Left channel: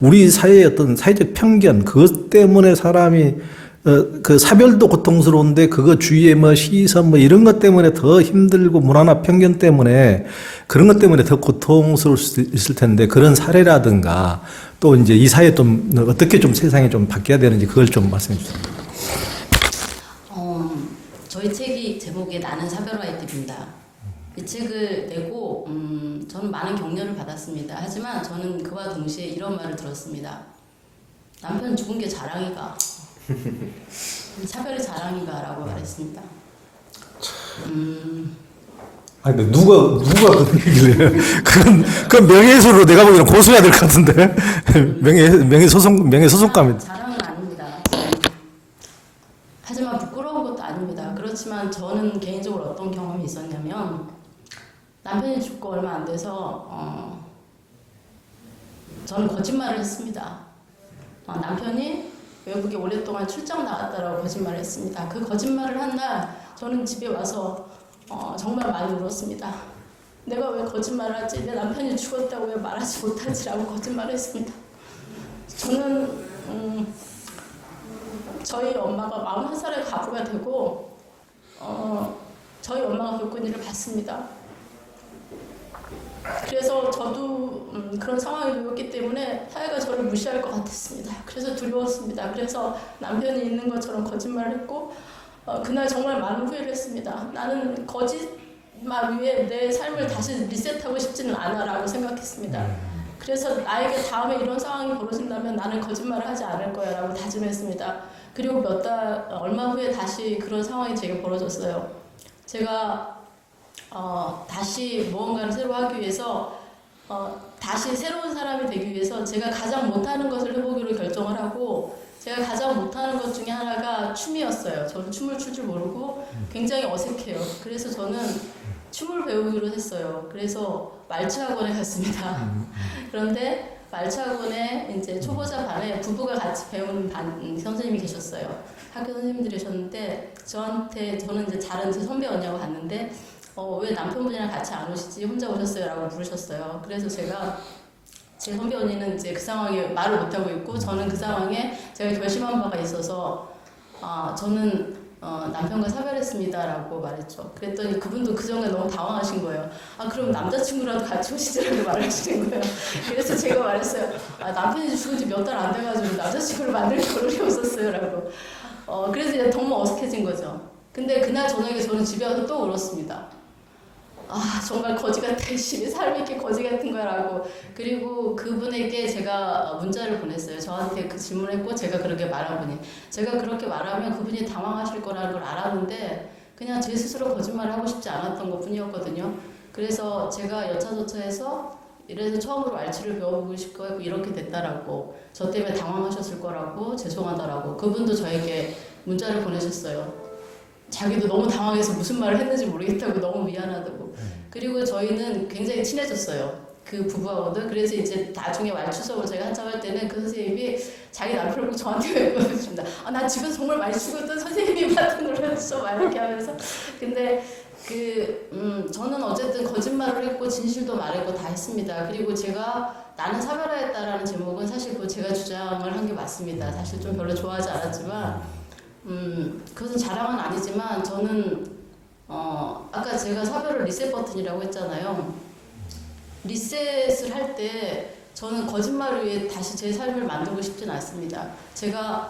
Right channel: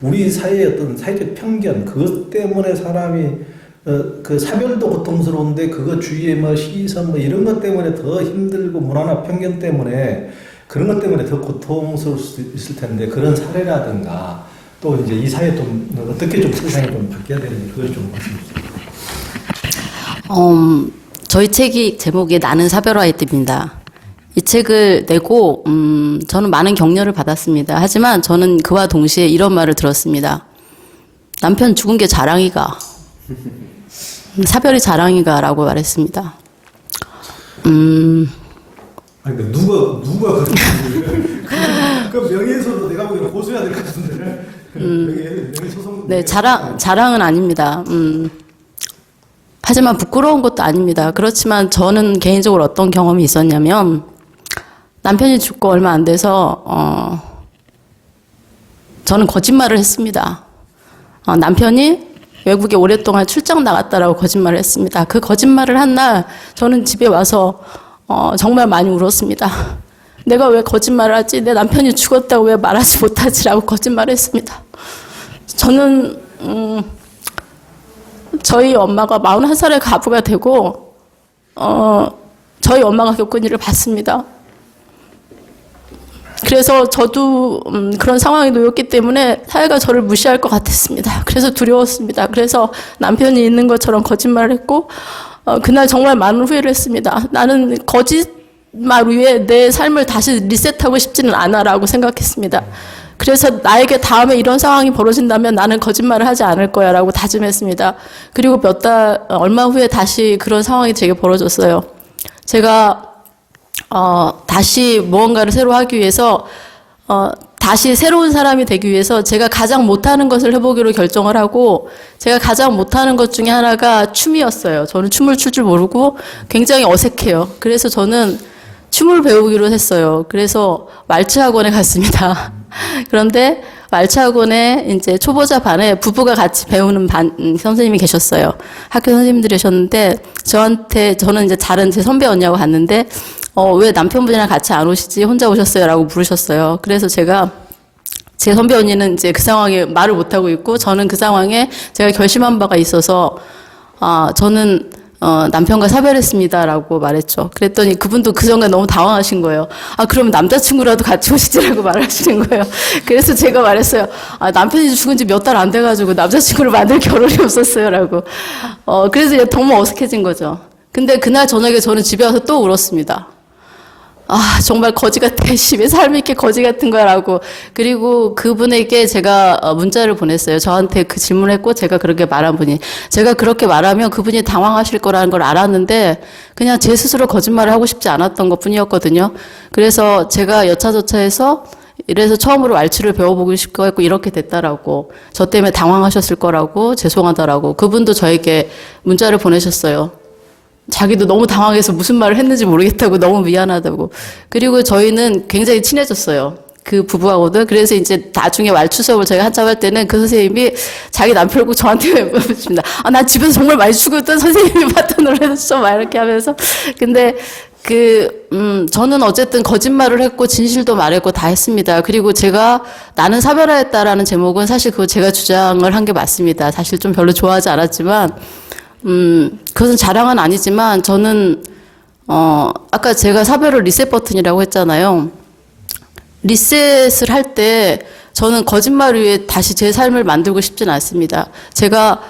우리 사회의 어떤 사회적 편견, 그것 때문에 사람이 그 사별도 고통스러운데 그거 주위에 뭐 시선 뭐 이런 것 때문에 더 힘들고 문화나 편견 때문에 그런 것 때문에 더 고통스러울 수 있을 텐데 그런 사례라든가 또 이제 이 사회 좀 어떻게 좀 세상이 좀 바뀌어야 되는지 그걸 좀 말씀해 주세요. 저희 책이 제목이 나는 사별화의 띠입니다. 이 책을 내고 저는 많은 격려를 받았습니다. 하지만 저는 그와 동시에 이런 말을 들었습니다. 남편 죽은 게 자랑이가. 사별이 자랑이가라고 말했습니다. 아니 근데 누가 그건 명예훼손으로 내가 보기에는 고소해야 될 것 같은데 명예소송 네, 명예소송감. 자랑은 아닙니다. 하지만 부끄러운 것도 아닙니다. 그렇지만 저는 개인적으로 어떤 경험이 있었냐면 남편이 죽고 얼마 안 돼서 저는 거짓말을 했습니다. 남편이 외국에 오랫동안 출장 나갔다라고 거짓말을 했습니다. 그 거짓말을 한 날 저는 집에 와서 정말 많이 울었습니다. 내가 왜 거짓말을 하지? 내 남편이 죽었다고 왜 말하지 못하지라고 거짓말을 했습니다. 저는 저희 엄마가 41살의 가부가 되고 저희 엄마가 겪은 일을 봤습니다. 그래서 저도 그런 상황에 놓였기 때문에 사회가 저를 무시할 것 같았습니다. 그래서 두려웠습니다. 그래서 남편이 있는 것처럼 거짓말을 했고 그날 정말 많은 후회를 했습니다. 나는 거짓말 위에 내 삶을 다시 리셋하고 싶지는 않아라고 생각했습니다. 그래서 나에게 다음에 이런 상황이 벌어진다면 나는 거짓말을 하지 않을 거야 라고 다짐했습니다. 그리고 얼마 후에 다시 그런 상황이 제게 벌어졌어요. 제가 다시 무언가를 새로 하기 위해서 다시 새로운 사람이 되기 위해서 제가 가장 못하는 것을 해보기로 결정을 하고 제가 가장 못하는 것 중에 하나가 춤이었어요. 저는 춤을 출 줄 모르고 굉장히 어색해요. 그래서 저는 춤을 배우기로 했어요. 그래서 말츠 학원에 갔습니다. 그런데 말츠 학원에 이제 초보자 반에 부부가 같이 배우는 선생님이 계셨어요. 학교 선생님들이셨는데 저는 이제 다른 제 선배 언니하고 갔는데 왜 남편분이랑 같이 안 오시지? 혼자 오셨어요? 라고 물으셨어요. 그래서 제 선배 언니는 이제 그 상황에 말을 못하고 있고, 저는 그 상황에 제가 결심한 바가 있어서, 저는, 남편과 사별했습니다. 라고 말했죠. 그랬더니 그분도 그 순간 너무 당황하신 거예요. 그럼 남자친구라도 같이 오시지라고 말하시는 거예요. 그래서 제가 말했어요. 남편이 죽은 지 몇 달 안 돼가지고 남자친구를 만들 겨를이 없었어요. 라고. 그래서 너무 어색해진 거죠. 근데 그날 저녁에 저는 집에 와서 또 울었습니다. 정말 거지 같아. 심해 삶이 이렇게 거지 같은 거라고. 그리고 그분에게 제가 문자를 보냈어요. 저한테 그 질문을 했고 제가 그렇게 말한 분이. 제가 그렇게 말하면 그분이 당황하실 거라는 걸 알았는데 그냥 제 스스로 거짓말을 하고 싶지 않았던 것 뿐이었거든요. 그래서 제가 여차저차해서 이래서 처음으로 말추를 배워보고 싶고 했고 이렇게 됐다라고. 저 때문에 당황하셨을 거라고 죄송하다라고. 그분도 저에게 문자를 보내셨어요. 자기도 너무 당황해서 무슨 말을 했는지 모르겠다고 너무 미안하다고. 그리고 저희는 굉장히 친해졌어요. 그 부부하고도. 그래서 이제 나중에 말추 수업을 저희가 한참 할 때는 그 선생님이 자기 남편을 꼭 저한테 물어봅니다. 나 집에서 정말 많이 죽었던 선생님이 봤던 놀라셨어. 막 이렇게 하면서. 근데 저는 어쨌든 거짓말을 했고 진실도 말했고 다 했습니다. 그리고 제가 나는 사별하였다라는 제목은 사실 그거 제가 주장을 한 게 맞습니다. 사실 좀 별로 좋아하지 않았지만 그것은 자랑은 아니지만 저는 아까 제가 사별을 리셋 버튼이라고 했잖아요. 리셋을 할 때 저는 거짓말 위에 다시 제 삶을 만들고 싶진 않습니다. 제가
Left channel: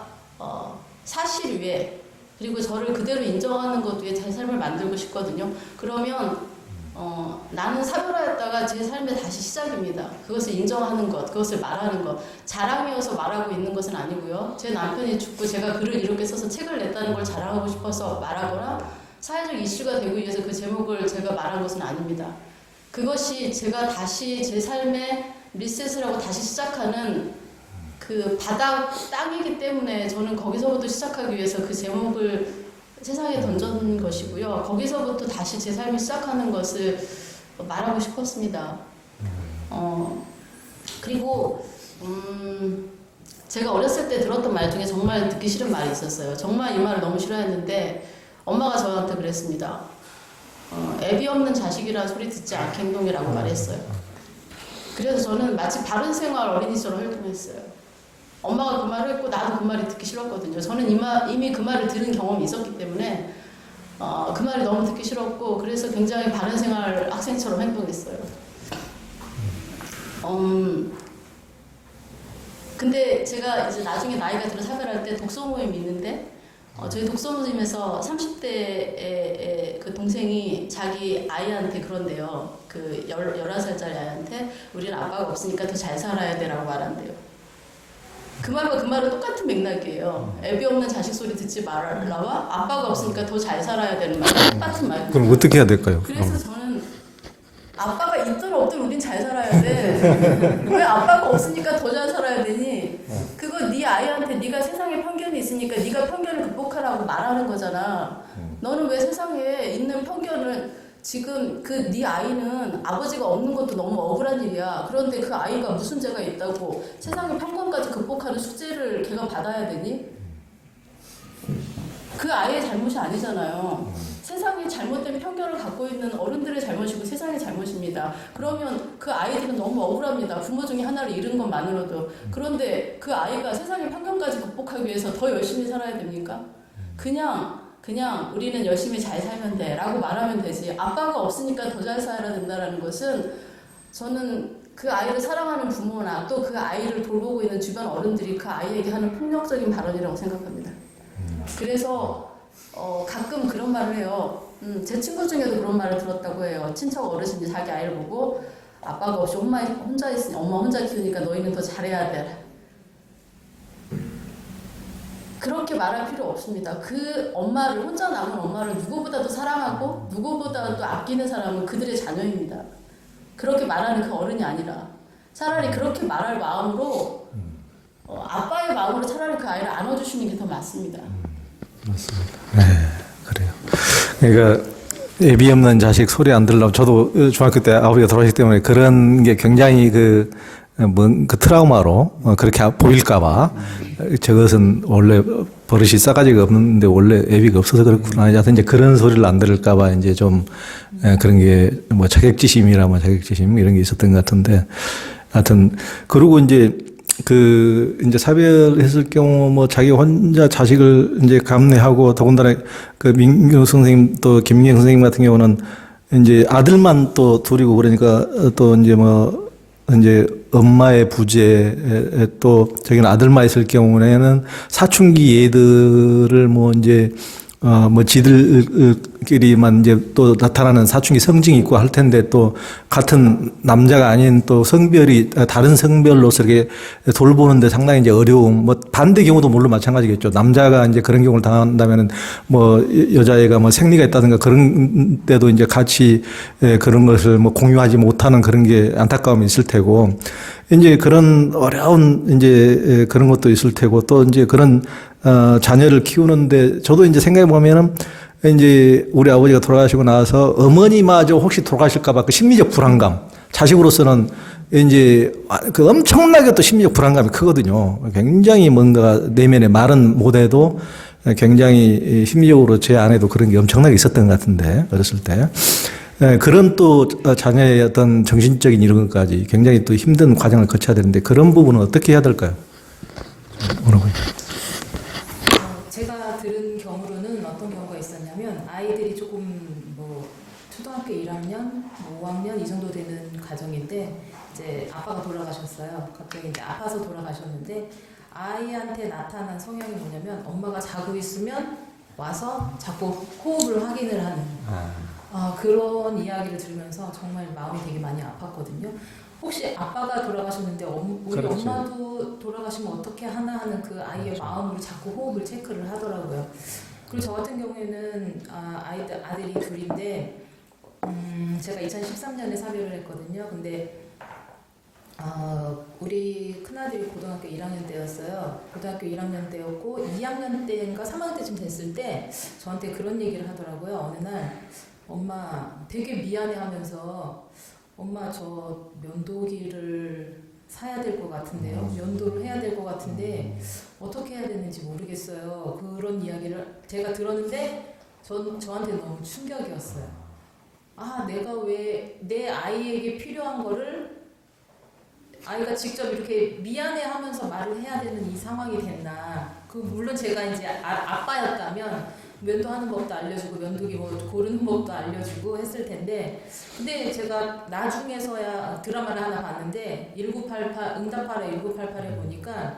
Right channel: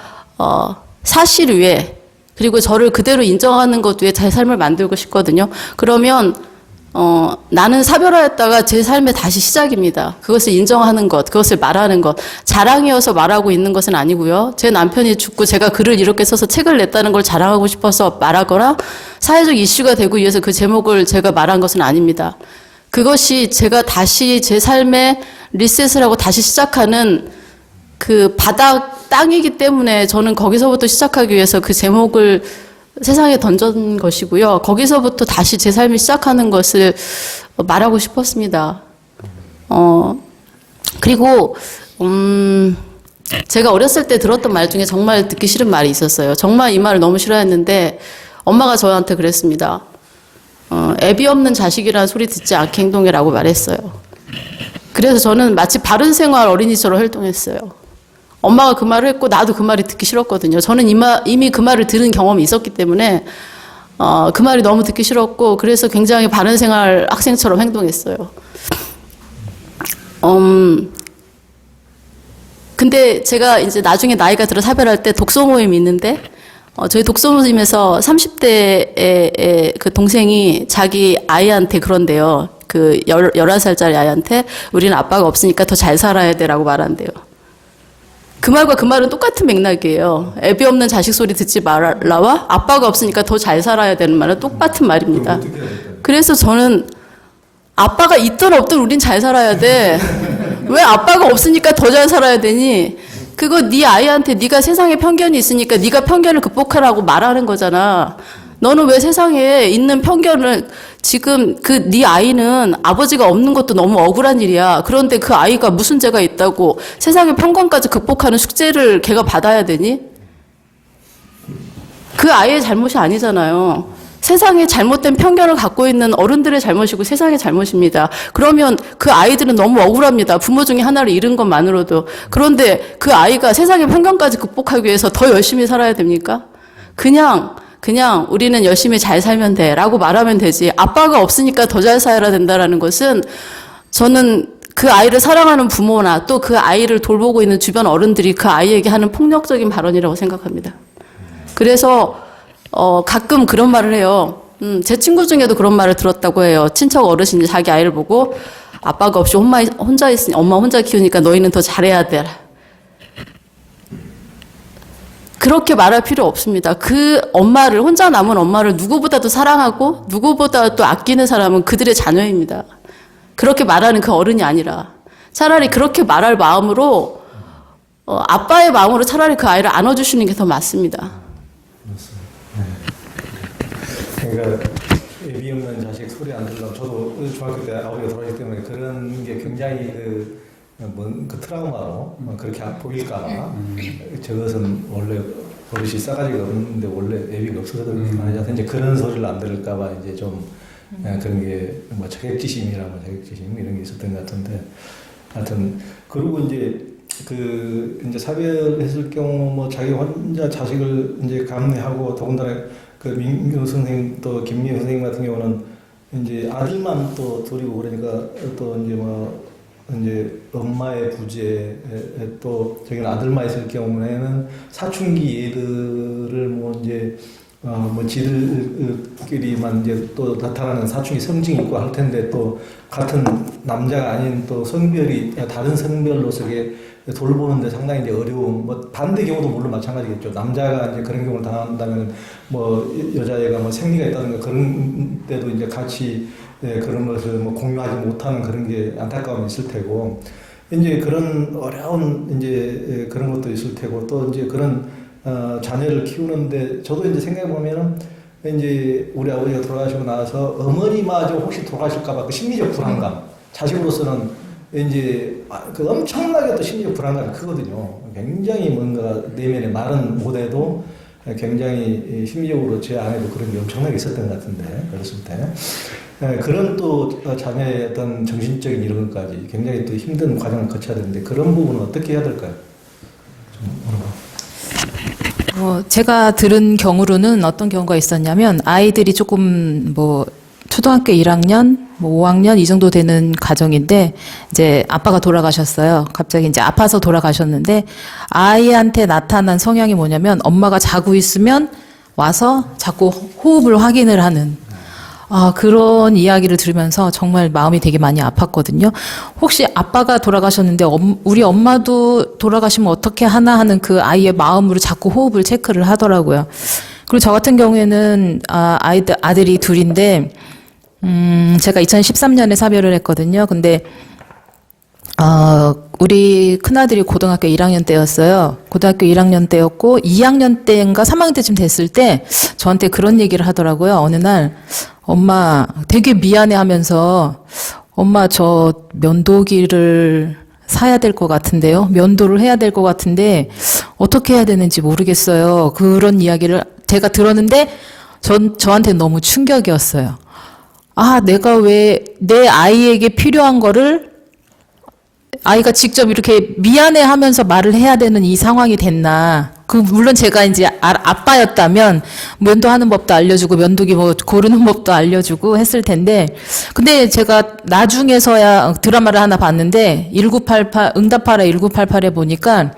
사실 위에 그리고 저를 그대로 인정하는 것 위에 제 삶을 만들고 싶거든요. 그러면 나는 사별하였다가 제 삶의 다시 시작입니다. 그것을 인정하는 것, 그것을 말하는 것. 자랑이어서 말하고 있는 것은 아니고요. 제 남편이 죽고 제가 글을 이렇게 써서 책을 냈다는 걸 자랑하고 싶어서 말하거나 사회적 이슈가 되고 위해서 그 제목을 제가 말한 것은 아닙니다. 그것이 제가 다시 제 삶에 리셋을 하고 다시 시작하는 그 바닥 땅이기 때문에 저는 거기서부터 시작하기 위해서 그 제목을 세상에 던진 것이고요. 거기서부터 다시 제 삶을 시작하는 것을 말하고 싶었습니다. 그리고 제가 어렸을 때 들었던 말 중에 정말 듣기 싫은 말이 있었어요. 정말 이 말을 너무 싫어했는데 엄마가 저한테 그랬습니다. 애비 없는 자식이란 소리 듣지 않게 행동해라고 말했어요. 그래서 저는 마치 바른생활 어린이처럼 활동했어요. 엄마가 그 말을 했고 나도 그 말이 듣기 싫었거든요. 저는 이미 그 말을 들은 경험이 있었기 때문에 그 말이 너무 듣기 싫었고 그래서 굉장히 바른생활 학생처럼 행동했어요. 근데 제가 이제 나중에 나이가 들어 사별할 때 독서 모임이 있는데 저희 독서 모임에서 30대의 그 동생이 자기 아이한테 그런데요. 그 11살짜리 아이한테 우리는 아빠가 없으니까 더 잘 살아야 돼라고 말한대요. 그 말과 그 말은 똑같은 맥락이에요. 애비 없는 자식 소리 듣지 말라와 아빠가 없으니까 더 잘 살아야 되는 말은 똑같은 말입니다. 그럼 어떻게 해야 될까요? 그래서 저는 아빠가 있든 없든 우린 잘 살아야 돼. 왜 아빠가 없으니까 더 잘 살아야 되니? 그거 네 아이한테 네가 세상에 편견이 있으니까 네가 편견을 극복하라고 말하는 거잖아. 너는 왜 세상에 있는 편견을 지금 그 네 아이는 아버지가 없는 것도 너무 억울한 일이야. 그런데 그 아이가 무슨 죄가 있다고 세상의 편견까지 극복하는 숙제를 걔가 받아야 되니? 그 아이의 잘못이 아니잖아요. 세상에 잘못된 편견을 갖고 있는 어른들의 잘못이고 세상의 잘못입니다. 그러면 그 아이들은 너무 억울합니다. 부모 중에 하나를 잃은 것만으로도. 그런데 그 아이가 세상의 편견까지 극복하기 위해서 더 열심히 살아야 됩니까? 그냥 우리는 열심히 잘 살면 돼 라고 말하면 되지. 아빠가 없으니까 더 잘 살아야 된다라는 것은 저는 그 아이를 사랑하는 부모나 또 그 아이를 돌보고 있는 주변 어른들이 그 아이에게 하는 폭력적인 발언이라고 생각합니다. 그래서 가끔 그런 말을 해요. 제 친구 중에도 그런 말을 들었다고 해요. 친척 어르신이 자기 아이를 보고 아빠가 없이 혼자 있으니 엄마 혼자 키우니까 너희는 더 잘해야 돼. 그렇게 말할 필요 없습니다. 그 엄마를 혼자 남은 엄마를 누구보다도 사랑하고 누구보다도 아끼는 사람은 그들의 자녀입니다. 그렇게 말하는 그 어른이 아니라 차라리 그렇게 말할 마음으로 아빠의 마음으로 차라리 그 아이를 안아주시는 게 더 맞습니다. 맞습니다. 네, 그래요. 그러니까 애비 없는 자식 소리 안 들으려면 저도 중학교 때 아버지가 돌아가셨기 때문에 그런 게 굉장히 그 트라우마로 그렇게 보일까봐 저것은 원래 버릇이 싸가지가 없는데 원래 애비가 없어서 그렇구나. 하여튼 이제 그런 소리를 안 들을까봐 이제 좀 그런 게 뭐 자격지심이라면 자격지심 이런 게 있었던 것 같은데 하여튼 그리고 이제 이제 사별했을 경우 뭐 자기 혼자 자식을 이제 감내하고 더군다나 그 민경 선생님 또 김민경 선생님 같은 경우는 이제 아들만 또 둘이고 그러니까 또 이제 뭐 이제 엄마의 부재에 또 저기는 아들만 있을 경우에는 사춘기 애들을 뭐 이제 뭐 지들끼리만 이제 또 나타나는 사춘기 성징이 있고 할 텐데 또 같은 남자가 아닌 또 성별이 다른 성별로서 이렇게 돌보는데 상당히 이제 어려움, 뭐 반대 경우도 물론 마찬가지겠죠. 남자가 이제 그런 경우를 당한다면은 뭐 여자애가 뭐 생리가 있다든가 그런 때도 이제 같이 그런 것을 뭐 공유하지 못하는 그런 게 안타까움이 있을 테고 이제 그런 어려운 이제 그런 것도 있을 테고 또 이제 그런 자녀를 키우는데 저도 이제 생각해 보면은 이제 우리 아버지가 돌아가시고 나서 어머니마저 혹시 돌아가실까봐 그 심리적 불안감 자식으로서는 이제 그 엄청나게 또 심리적 불안감이 크거든요. 굉장히 뭔가 내면에 말은 못해도 굉장히 심리적으로 제 안에도 그런 게 엄청나게 있었던 것 같은데 어렸을 때 그런 또 자녀의 어떤 정신적인 이런 것까지 굉장히 또 힘든 과정을 거쳐야 되는데 그런 부분은 어떻게 해야 될까요? 뭐라고? 제가 들은 경우로는 어떤 경우가 있었냐면 아이들이 조금 뭐 초등학교 1학년, 뭐 5학년 이 정도 되는 가정인데 이제 아빠가 돌아가셨어요. 갑자기 이제 아파서 돌아가셨는데 아이한테 나타난 성향이 뭐냐면 엄마가 자고 있으면 와서 자꾸 호흡을 확인을 하는 그런 이야기를 들으면서 정말 마음이 되게 많이 아팠거든요. 혹시 아빠가 돌아가셨는데 우리 엄마도 돌아가시면 어떻게 하나 하는 그 아이의 마음으로 자꾸 호흡을 체크를 하더라고요. 그리고 저 같은 경우에는 아들이 둘인데 제가 2013년에 사별을 했거든요. 근데 우리 큰아들이 고등학교 1학년 때였어요. 고등학교 1학년 때였고 2학년 때인가 3학년 때쯤 됐을 때 저한테 그런 얘기를 하더라고요. 어느 날 엄마 되게 미안해 하면서 엄마 저 면도기를 사야 될 것 같은데요. 면도를 해야 될 것 같은데 어떻게 해야 되는지 모르겠어요. 그런 이야기를 제가 들었는데 저한테 너무 충격이었어요. 내가 왜 내 아이에게 필요한 거를 아이가 직접 이렇게 미안해하면서 말을 해야 되는 이 상황이 됐나. 물론 제가 이제 아빠였다면 면도하는 법도 알려주고 면도기 뭐 고르는 법도 알려주고 했을 텐데, 근데 제가 나중에서야 드라마를 하나 봤는데 1988 응답하라 1988에 보니까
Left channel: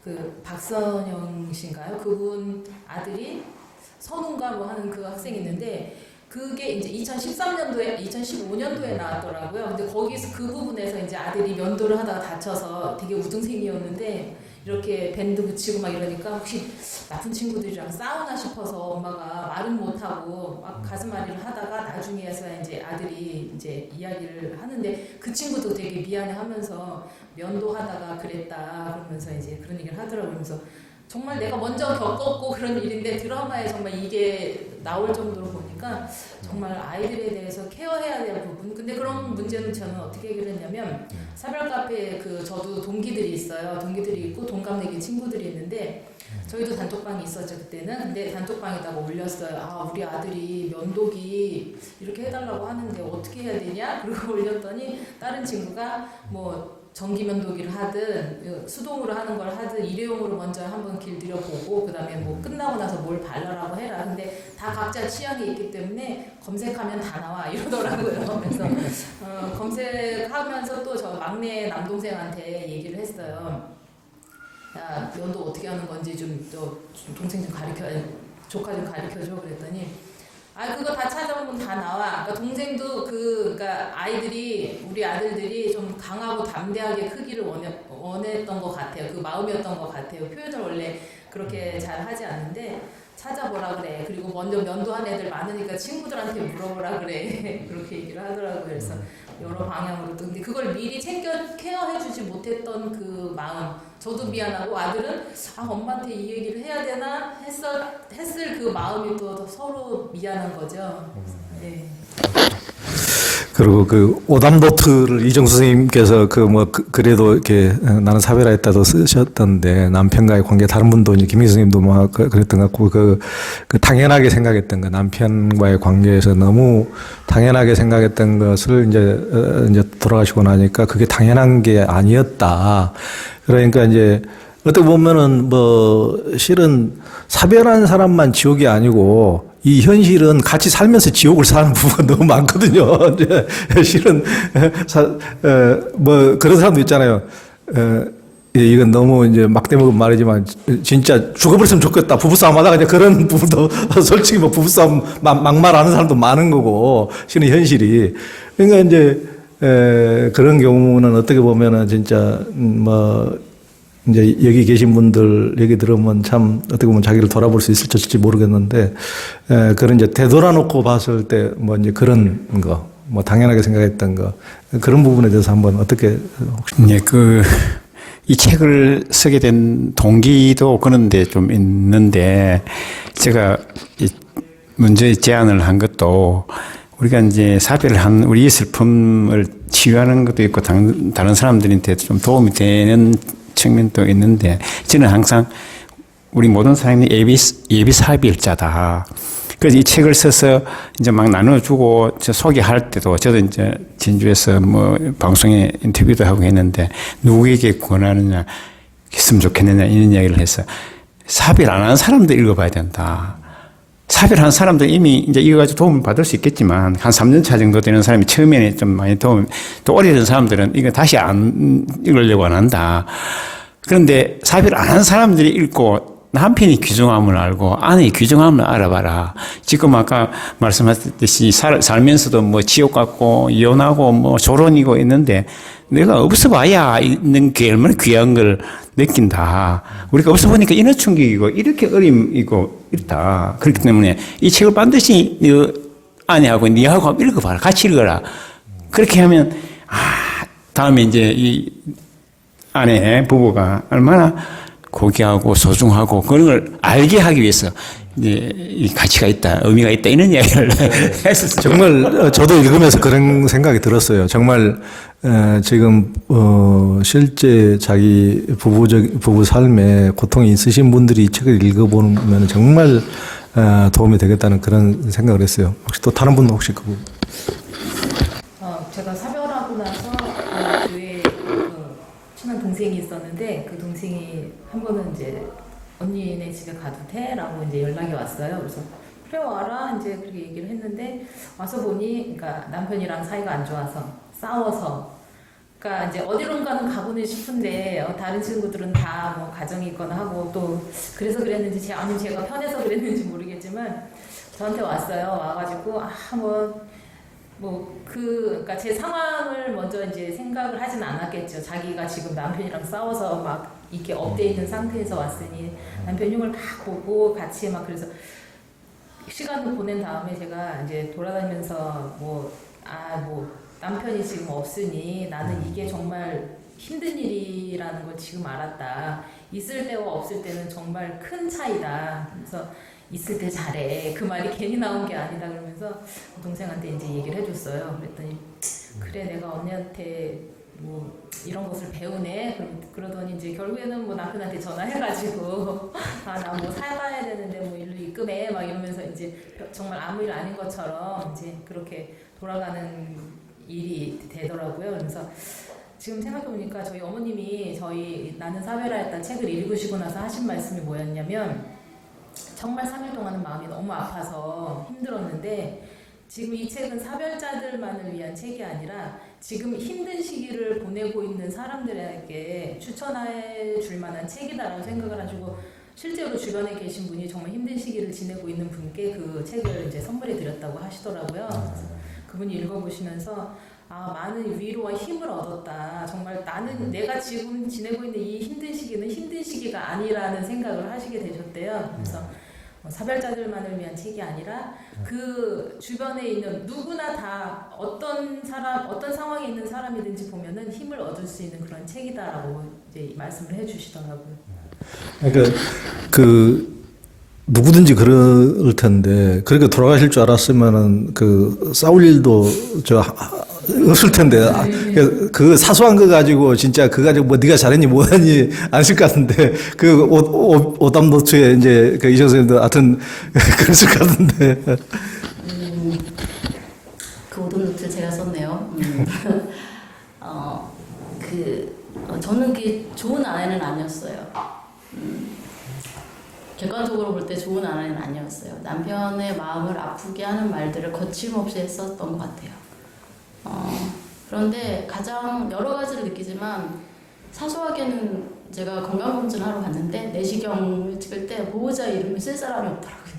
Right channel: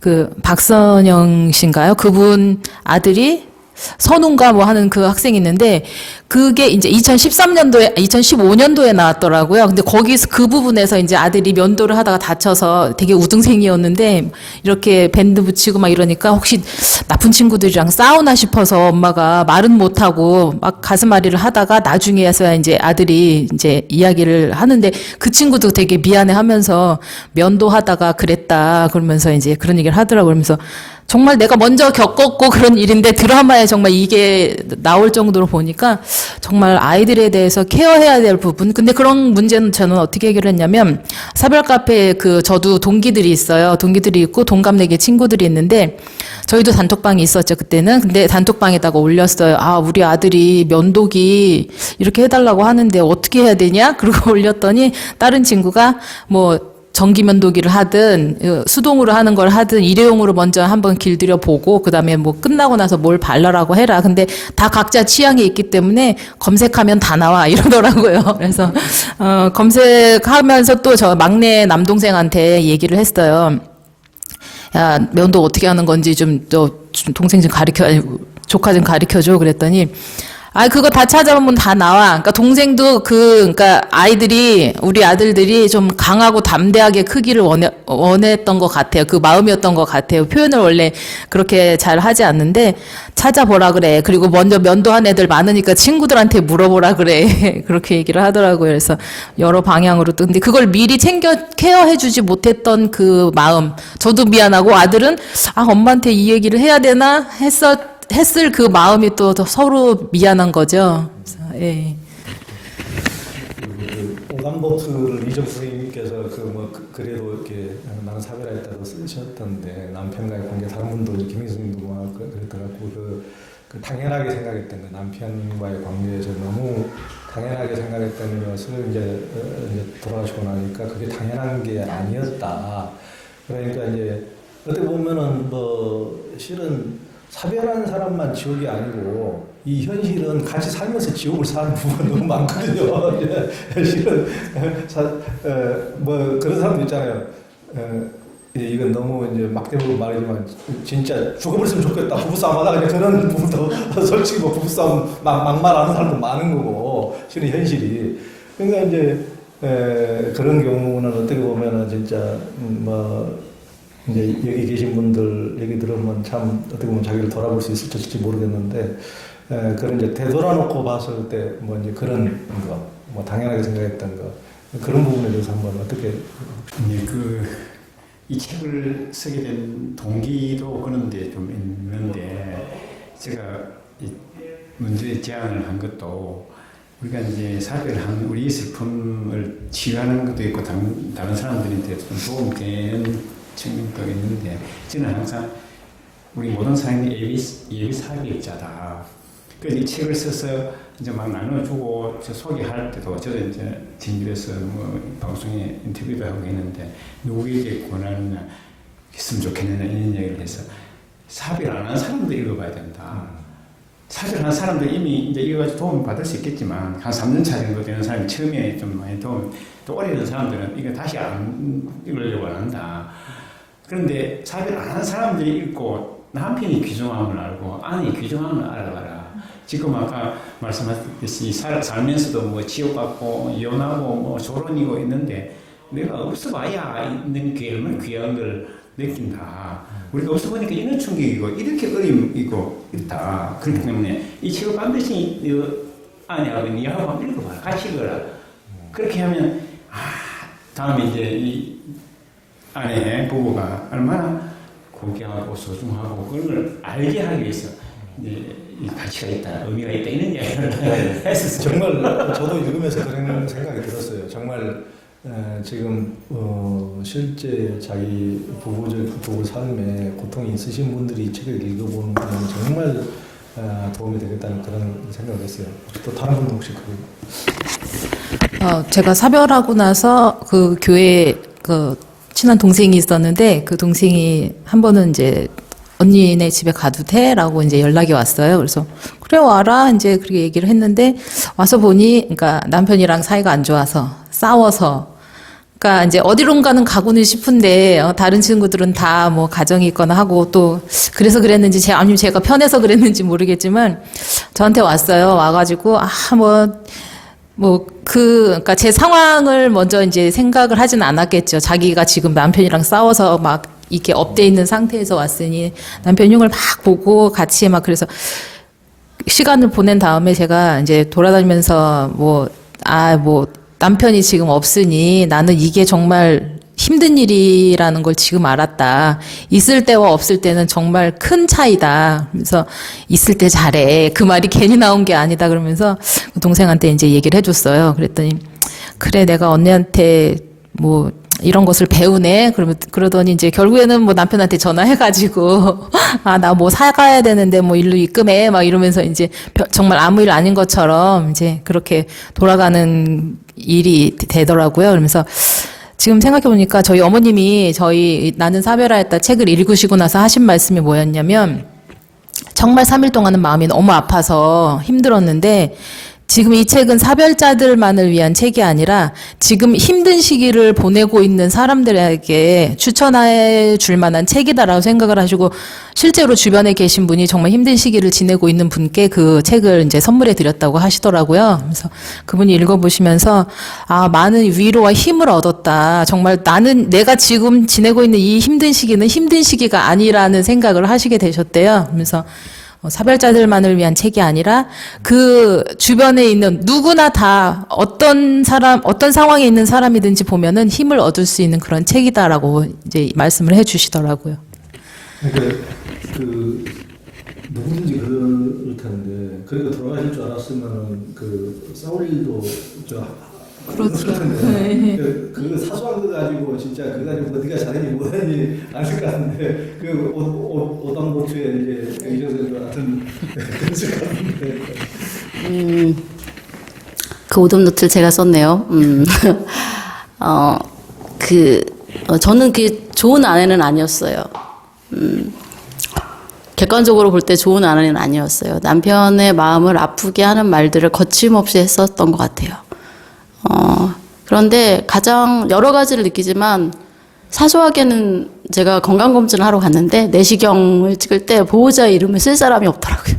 그 박선영 씨인가요? 그분 아들이 선웅가 뭐 하는 그 학생이 있는데, 그게 이제 2015년도에 나왔더라고요. 근데 거기서 그 부분에서 이제 아들이 면도를 하다가 다쳐서 되게 우등생이었는데 이렇게 밴드 붙이고 막 이러니까 혹시 나쁜 친구들이랑 싸우나 싶어서 엄마가 말은 못하고 막 가슴앓이를 하다가 나중에서야 이제 아들이 이제 이야기를 하는데, 그 친구도 되게 미안해 하면서 면도하다가 그랬다 그러면서 이제 그런 얘기를 하더라고요. 그러면서 정말 내가 먼저 겪었고 그런 일인데 드라마에 정말 이게 나올 정도로 보니까 정말 아이들에 대해서 케어해야 될 부분. 근데 그런 문제는 저는 어떻게 해결했냐면, 사별 카페에 저도 동기들이 있어요. 동기들이 있고 동갑내기 친구들이 있는데, 저희도 단톡방이 있었죠, 그때는. 근데 단톡방에다가 올렸어요. 아, 우리 아들이 면도기 이렇게 해달라고 하는데 어떻게 해야 되냐? 그러고 올렸더니 다른 친구가 뭐 전기 면도기를 하든 수동으로 하는 걸 하든 일회용으로 먼저 한번 길들여 보고 그다음에 뭐 끝나고 나서 뭘 발라라고 해라. 근데 다 각자 취향이 있기 때문에 검색하면 다 나와 이러더라고요. 그래서 검색하면서 또 저 막내 남동생한테 얘기를 했어요. 야, 면도 어떻게 하는 건지 좀 동생 좀 조카 좀 가르쳐줘. 그랬더니 그거 다 찾아보면 다 나와. 그러니까 동생도 그러니까 우리 아들들이 좀 강하고 담대하게 크기를 원했던 것 같아요. 그 마음이었던 것 같아요. 표현을 원래 그렇게 잘 하지 않는데 찾아보라 그래. 그리고 먼저 면도한 애들 많으니까 친구들한테 물어보라 그래. 그렇게 얘기를 하더라고요. 그래서 여러 방향으로 또. 근데 그걸 미리 케어해주지 못했던 그 마음. 저도 미안하고 아들은 엄마한테 이 얘기를 해야 되나 했을 그 마음이 또 서로 미안한 거죠. 예. 그리고 그 오답노트를 이정수 선생님께서 그래도 이렇게 나는 사별했다도 쓰셨던데, 남편과의 관계, 다른 분도 이제 김희 선생님도 막 그랬던 것 같고, 그 당연하게 생각했던 거, 남편과의 관계에서 너무 당연하게 생각했던 것을 이제 돌아가시고 나니까 그게 당연한 게 아니었다. 그러니까 이제 어떻게 보면은 실은 사별한 사람만 지옥이 아니고 이 현실은 같이 살면서 지옥을 사는 부분가 너무 많거든요. 실은 그런 사람도 있잖아요. 이건 너무 이제 막대먹은 말이지만 진짜 죽어버렸으면 좋겠다. 부부싸움 하다가 이제 그런 부분도 솔직히 부부싸움 막말하는 사람도 많은 거고, 실은 현실이. 그러니까 이제 그런 경우는 어떻게 보면은 진짜 이제 여기 계신 분들 얘기 들으면 참 어떻게 보면 자기를 돌아볼 수 있을지 모르겠는데, 그런 이제 되돌아놓고 봤을 때 이제 그런 거, 당연하게 생각했던 거, 그런 부분에 대해서 한번 어떻게 혹시. 네, 이 책을 쓰게 된 동기도 그런데 좀 있는데, 제가 문제 제안을 한 것도 우리가 이제 사별을 한 우리의 슬픔을 치유하는 것도 있고 다른 사람들한테 좀 도움이 되는 측면도 있는데, 저는 항상 우리 모든 사람이 예비 사별자다. 그래서 이 책을 써서 이제 막 나눠주고 소개할 때도, 저도 이제 진주에서 방송에 인터뷰도 하고 했는데, 누구에게 권하느냐, 했으면 좋겠느냐, 이런 이야기를 해서, 사별 안 한 사람도 읽어봐야 된다. 사별한 사람도 이미 이제 이거 가지고 도움을 받을 수 있겠지만, 한 3년 차 정도 되는 사람이 처음에는 좀 많이 또 오래된 사람들은 이거 다시 안 읽으려고 안 한다. 그런데 사별 안 한 사람들이 읽고 남편이 귀중함을 알고 아내의 귀중함을 알아봐라. 지금 아까 말씀하셨듯이 살면서도 지옥 같고 이혼하고 조론이고 있는데, 내가 없어 봐야 있는 게 얼마나 귀한 걸 느낀다. 우리가 없어 보니까 이런 충격이고 이렇게 어림이고 이렇다. 그렇기 때문에 이 책을 반드시 아내하고 니하고 한번 읽어봐라. 같이 읽어라. 그렇게 하면 다음에 이제 이 아내 부부가 얼마나 고귀하고 소중하고 그런 걸 알게 하기 위해서 이제 이 가치가 있다, 의미가 있다, 이런 이야기를 했었어요. 정말 저도 읽으면서 그런 생각이 들었어요. 정말 지금 실제 자기 부부 삶에 고통이 있으신 분들이 이 책을 읽어보면 정말 도움이 되겠다는 그런 생각을 했어요. 혹시 또 다른 분도 혹시 제가 사별하고 나서 그 교회 그 친한 동생이 있었는데 그 동생이 한 번은 이제 언니네 집에 가도 돼? 라고 이제 연락이 왔어요. 그래서 그래 와라 이제 그렇게 얘기를 했는데 와서 보니 그러니까 남편이랑 사이가 안 좋아서 싸워서 그러니까 이제 어디론가는 가고는 싶은데 다른 친구들은 다 뭐 가정이 있거나 하고 또 그래서 그랬는지 아니면 제가 편해서 그랬는지 모르겠지만 저한테 왔어요. 와가지고 그러니까 제 상황을 먼저 이제 생각을 하진 않았겠죠. 자기가 지금 남편이랑 싸워서 막 이렇게 업돼 있는 상태에서 왔으니 남편 흉을 막 보고 같이 막 그래서 시간을 보낸 다음에 제가 이제 돌아다니면서 남편이 지금 없으니 나는 이게 정말 힘든 일이라는 걸 지금 알았다. 있을 때와 없을 때는 정말 큰 차이다. 그래서 있을 때 잘해. 그 말이 괜히 나온 게 아니다. 그러면서 동생한테 이제 얘기를 해줬어요. 그랬더니 그래 내가 언니한테 뭐 이런 것을 배우네. 그러더니 이제 결국에는 뭐 남편한테 전화해가지고 나 뭐 사가야 되는데 뭐 일로 입금해 막 이러면서 이제 정말 아무 일 아닌 것처럼 이제 그렇게 돌아가는 일이 되더라고요. 그러면서 지금 생각해보니까 저희 어머님이 저희 나는 사별하였다 책을 읽으시고 나서 하신 말씀이 뭐였냐면 정말 3일 동안은 마음이 너무 아파서 힘들었는데 지금 이 책은 사별자들만을 위한 책이 아니라 지금 힘든 시기를 보내고 있는 사람들에게 추천해 줄 만한 책이다라고 생각을 하시고 실제로 주변에 계신 분이 정말 힘든 시기를 지내고 있는 분께 그 책을 이제 선물해 드렸다고 하시더라고요. 그래서 그분이 읽어보시면서 많은 위로와 힘을 얻었다. 정말 내가 지금 지내고 있는 이 힘든 시기는 힘든 시기가 아니라는 생각을 하시게 되셨대요. 그래서 사별자들만을 위한 책이 아니라 그 주변에 있는 누구나 다 어떤 상황에 있는 사람이든지 보면은 힘을 얻을 수 있는 그런 책이다라고 이제 말씀을 해 주시더라고요. 그러니까 누구든지 그럴 텐데 그렇게 돌아가실 줄 알았으면은 싸울 일도 없을 텐데 그 사소한 거 가지고 진짜 그거 가지고 뭐 네가 잘했니 뭐하니 아실 것 같은데 오답 노트에 이제 이정 선생님도 하여튼 그랬을 것 같은데 그 오답 노트를 제가 썼네요. 저는 그게 좋은 아내는 아니었어요. 객관적으로 볼 때 좋은 아내는 아니었어요. 남편의 마음을 아프게 하는 말들을 거침없이 했었던 것 같아요. 그런데 가장 여러 가지를 느끼지만 사소하게는 제가 건강검진을 하러 갔는데 내시경을 찍을 때 보호자의 이름을 쓸 사람이 없더라고요.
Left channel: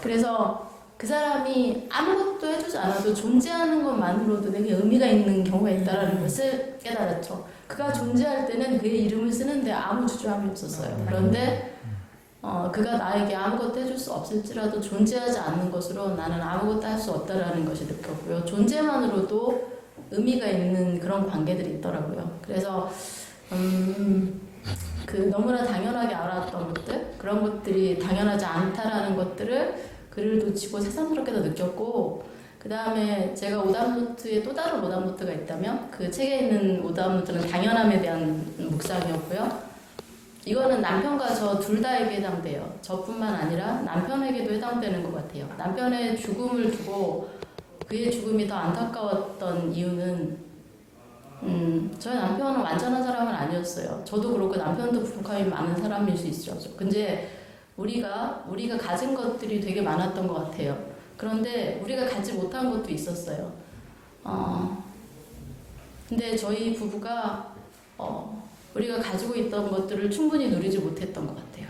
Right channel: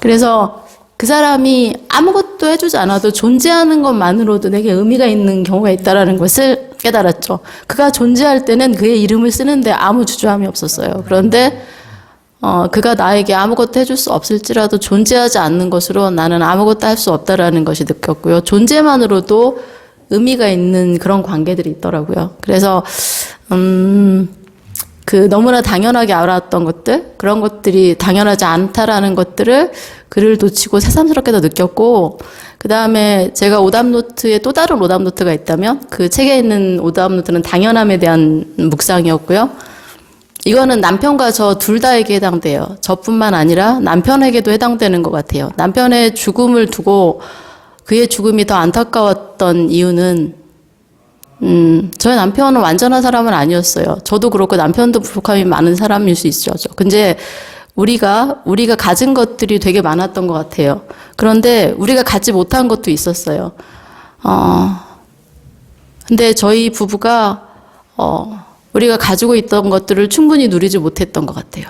그래서 그 사람이 아무것도 해주지 않아도 존재하는 것만으로도 내게 의미가 있는 경우가 있다는 것을 깨달았죠. 그가 존재할 때는 그의 이름을 쓰는데 아무 주저함이 없었어요. 그런데 그가 나에게 아무것도 해줄 수 없을지라도 존재하지 않는 것으로 나는 아무것도 할 수 없다라는 것이 느꼈고요. 존재만으로도 의미가 있는 그런 관계들이 있더라고요. 그래서 너무나 당연하게 알았던 것들, 그런 것들이 당연하지 않다라는 것들을 글을 놓치고 새삼스럽게도 느꼈고, 그 다음에 제가 오답노트에 또 다른 오답노트가 있다면 그 책에 있는 오답노트는 당연함에 대한 묵상이었고요. 이거는 남편과 저 둘 다에게 해당돼요. 저뿐만 아니라 남편에게도 해당되는 것 같아요. 남편의 죽음을 두고 그의 죽음이 더 안타까웠던 이유는 저희 남편은 완전한 사람은 아니었어요. 저도 그렇고 남편도 부족함이 많은 사람일 수 있죠. 근데 우리가 가진 것들이 되게 많았던 것 같아요. 그런데 우리가 갖지 못한 것도 있었어요. 근데 저희 부부가 우리가 가지고 있던 것들을 충분히 누리지 못했던 것 같아요.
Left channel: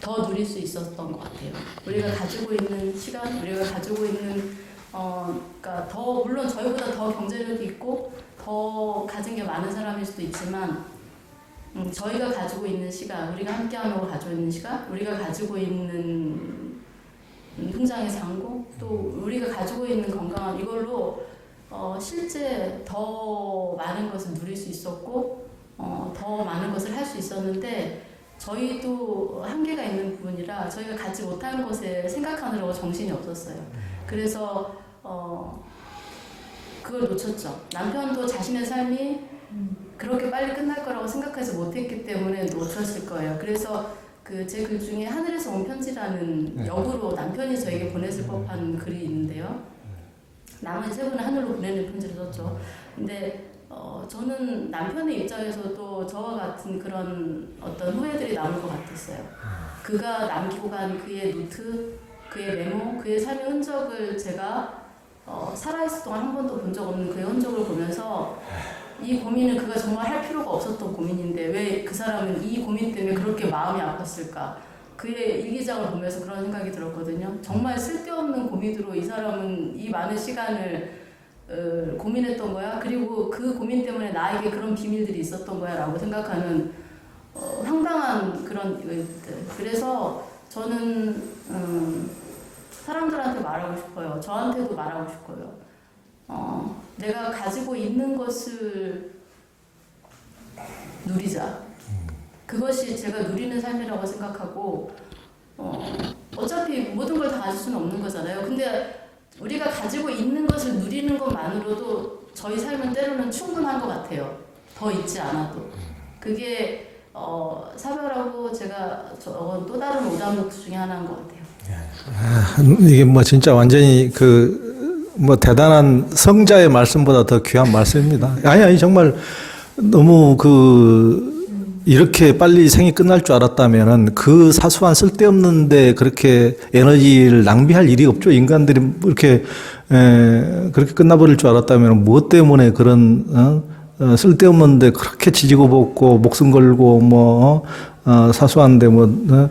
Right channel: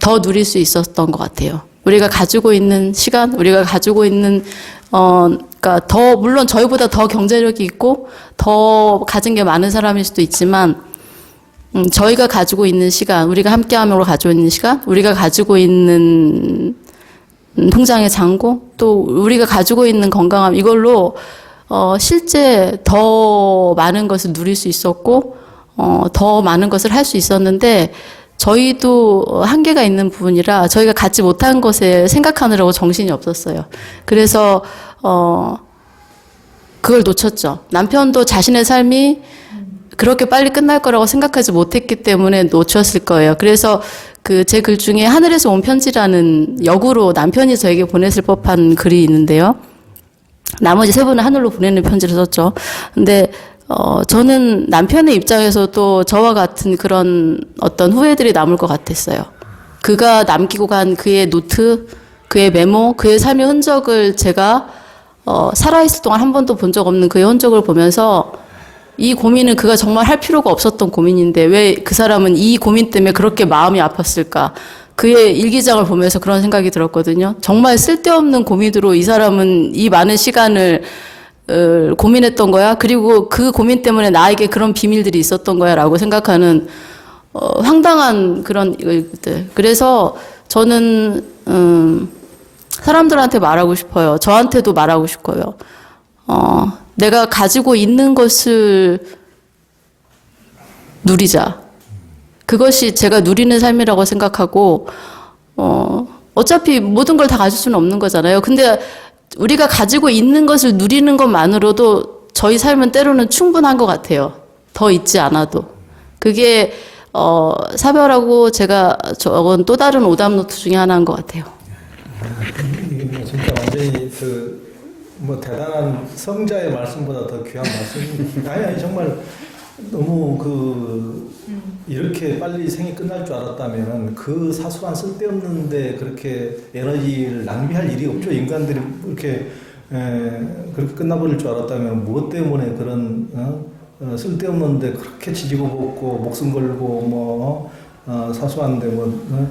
더 누릴 수 있었던 것 같아요. 우리가 가지고 있는 시간, 우리가 가지고 있는 그러니까 물론 저희보다 더 경제력이 있고 더 가진 게 많은 사람일 수도 있지만 저희가 가지고 있는 시간, 우리가 함께함으로 가지고 있는 시간, 우리가 가지고 있는 통장의 잔고, 또 우리가 가지고 있는 건강함, 이걸로 실제 더 많은 것을 누릴 수 있었고 더 많은 것을 할 수 있었는데 저희도 한계가 있는 부분이라 저희가 갖지 못한 것을 생각하느라고 정신이 없었어요. 그래서 그걸 놓쳤죠. 남편도 자신의 삶이 그렇게 빨리 끝날 거라고 생각하지 못했기 때문에 놓쳤을 거예요. 그래서 제 글 중에 하늘에서 온 편지라는 역으로 남편이 저에게 보냈을 법한 글이 있는데요. 나머지 세 분은 하늘로 보내는 편지를 썼죠. 근데 저는 남편의 입장에서도 저와 같은 그런 어떤 후회들이 남을 것 같았어요. 그가 남기고 간 그의 노트, 그의 메모, 그의 삶의 흔적을 제가 살아있을 동안 한 번도 본 적 없는 그의 흔적을 보면서 이 고민은 그가 정말 할 필요가 없었던 고민인데 왜 그 사람은 이 고민 때문에 그렇게 마음이 아팠을까? 그의 일기장을 보면서 그런 생각이 들었거든요. 정말 쓸데없는 고민으로 이 사람은 이 많은 시간을 고민했던 거야. 그리고 그 고민 때문에 나에게 그런 비밀들이 있었던 거야 라고 생각하는 황당한 그런 일들. 그래서 저는 사람들한테 말하고 싶어요. 저한테도 말하고 싶어요. 내가 가지고 있는 것을 누리자. 그것이 제가 누리는 삶이라고 생각하고 어차피 모든 걸 다 가질 수는 없는 거잖아요. 근데 우리가 가지고 있는 것을 누리는 것만으로도 저희 삶은 때로는 충분한 것 같아요. 더 있지 않아도. 그게 사별하고 제가 적은 또 다른 오답 노트 중에 하나인 것 같아요. 이게 뭐 진짜 완전히 뭐 대단한 성자의 말씀보다 더 귀한 말씀입니다. 아니 정말 너무 이렇게 빨리 생이 끝날 줄 알았다면은 그 사소한 쓸데없는데 그렇게 에너지를 낭비할 일이 없죠. 인간들이 이렇게 그렇게 끝나버릴 줄 알았다면 무엇 때문에 그런 쓸데없는데 그렇게 지지고 볶고 목숨 걸고 뭐 사소한데 뭐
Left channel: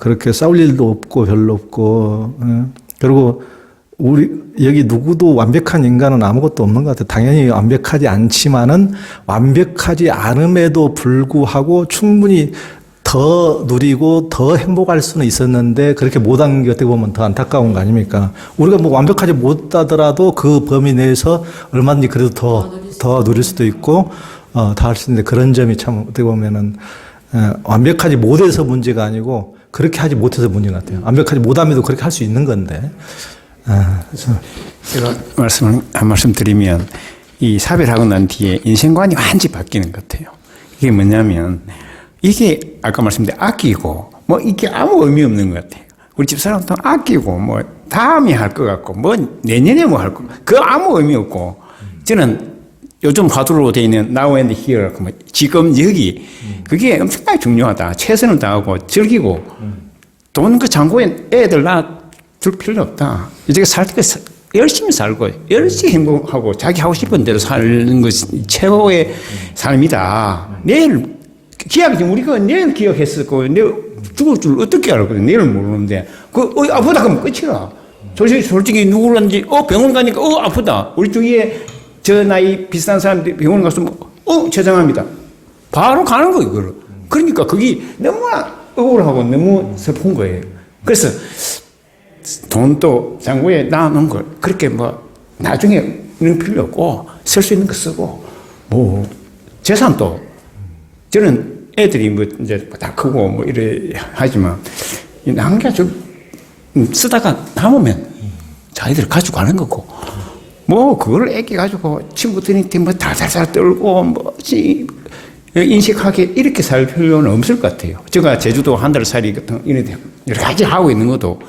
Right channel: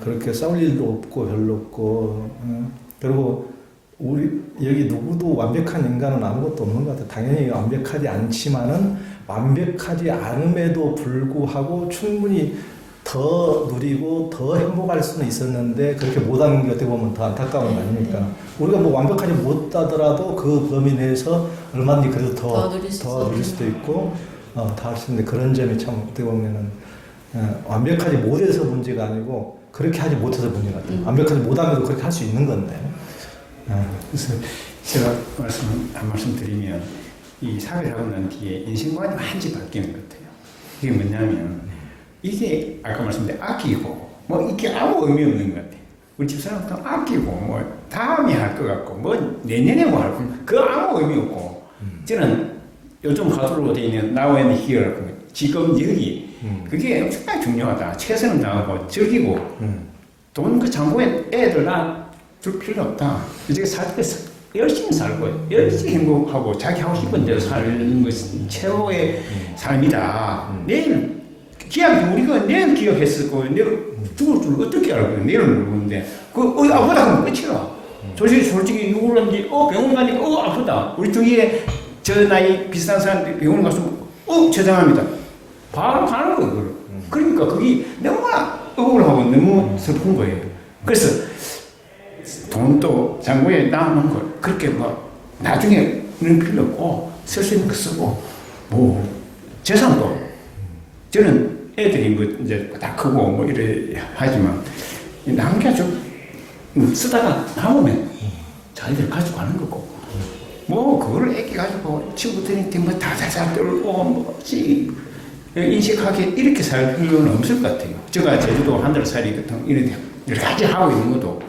그렇게 싸울 일도 없고 별로 없고 그리고 우리 여기 누구도 완벽한 인간은 아무것도 없는 것 같아요. 당연히 완벽하지 않지만은 완벽하지 않음에도 불구하고 충분히 더 누리고 더 행복할 수는 있었는데 그렇게 못한 게 어떻게 보면 더 안타까운 거 아닙니까? 우리가 뭐 완벽하지 못하더라도 그 범위 내에서 얼마든지 그래도 더 누릴 수도 있고 다 할 수 있는데 그런 점이 참 어떻게 보면은 완벽하지 못해서 문제가 아니고 그렇게 하지 못해서 문제 같아요. 완벽하지 못함에도 그렇게 할 수 있는 건데. 그래서 제가 한 말씀 드리면 이 사별하고 난 뒤에 인생관이 완전히 바뀌는 것 같아요. 이게 뭐냐면 이게 아까 말씀드린 아끼고 뭐 이게 아무 의미 없는 것 같아요. 우리 집사람도 아끼고 뭐 다음에 할 것 같고 뭐 내년에 뭐 할 거 그 아무 의미 없고 저는 요즘 화두로 되어 있는 now and here 뭐 지금 여기 그게 엄청나게 중요하다. 최선을 다하고 즐기고 돈 그 잔고에 애들 줄 필요 없다. 이제 살 때 열심히 살고 열심히 행복하고 자기 하고 싶은 대로 사는 것이 최고의 삶이다. 내일 기약 우리가 내일 기억했을 거예요. 내일 죽을 줄 어떻게 알고 내일은 모르는데 아프다 그러면 끝이야. 솔직히 누구든지 병원 가니까 아프다. 우리 주위에 저 나이 비슷한 사람들이 병원 가서 죄송합니다. 바로 가는 거예요. 그걸. 그러니까 그게 너무나 억울하고 너무 슬픈 거예요. 그래서 돈도 잔고에 놔놓은 걸 그렇게 뭐 나중에는 필요 없고 쓸 수 있는 거 쓰고 뭐 재산도 저는 애들이 뭐 이제 다 크고 뭐 이래 하지만 남겨줘 쓰다가 남으면 자기들 가지고 가는 거고 뭐 그걸 애기 가지고 친구들한테 뭐 달달달 떨고 뭐 인식하게 이렇게 살 필요는 없을 것 같아요. 제가 제주도 한 달 살이 같은 이런 여러 가지 하고 있는 것도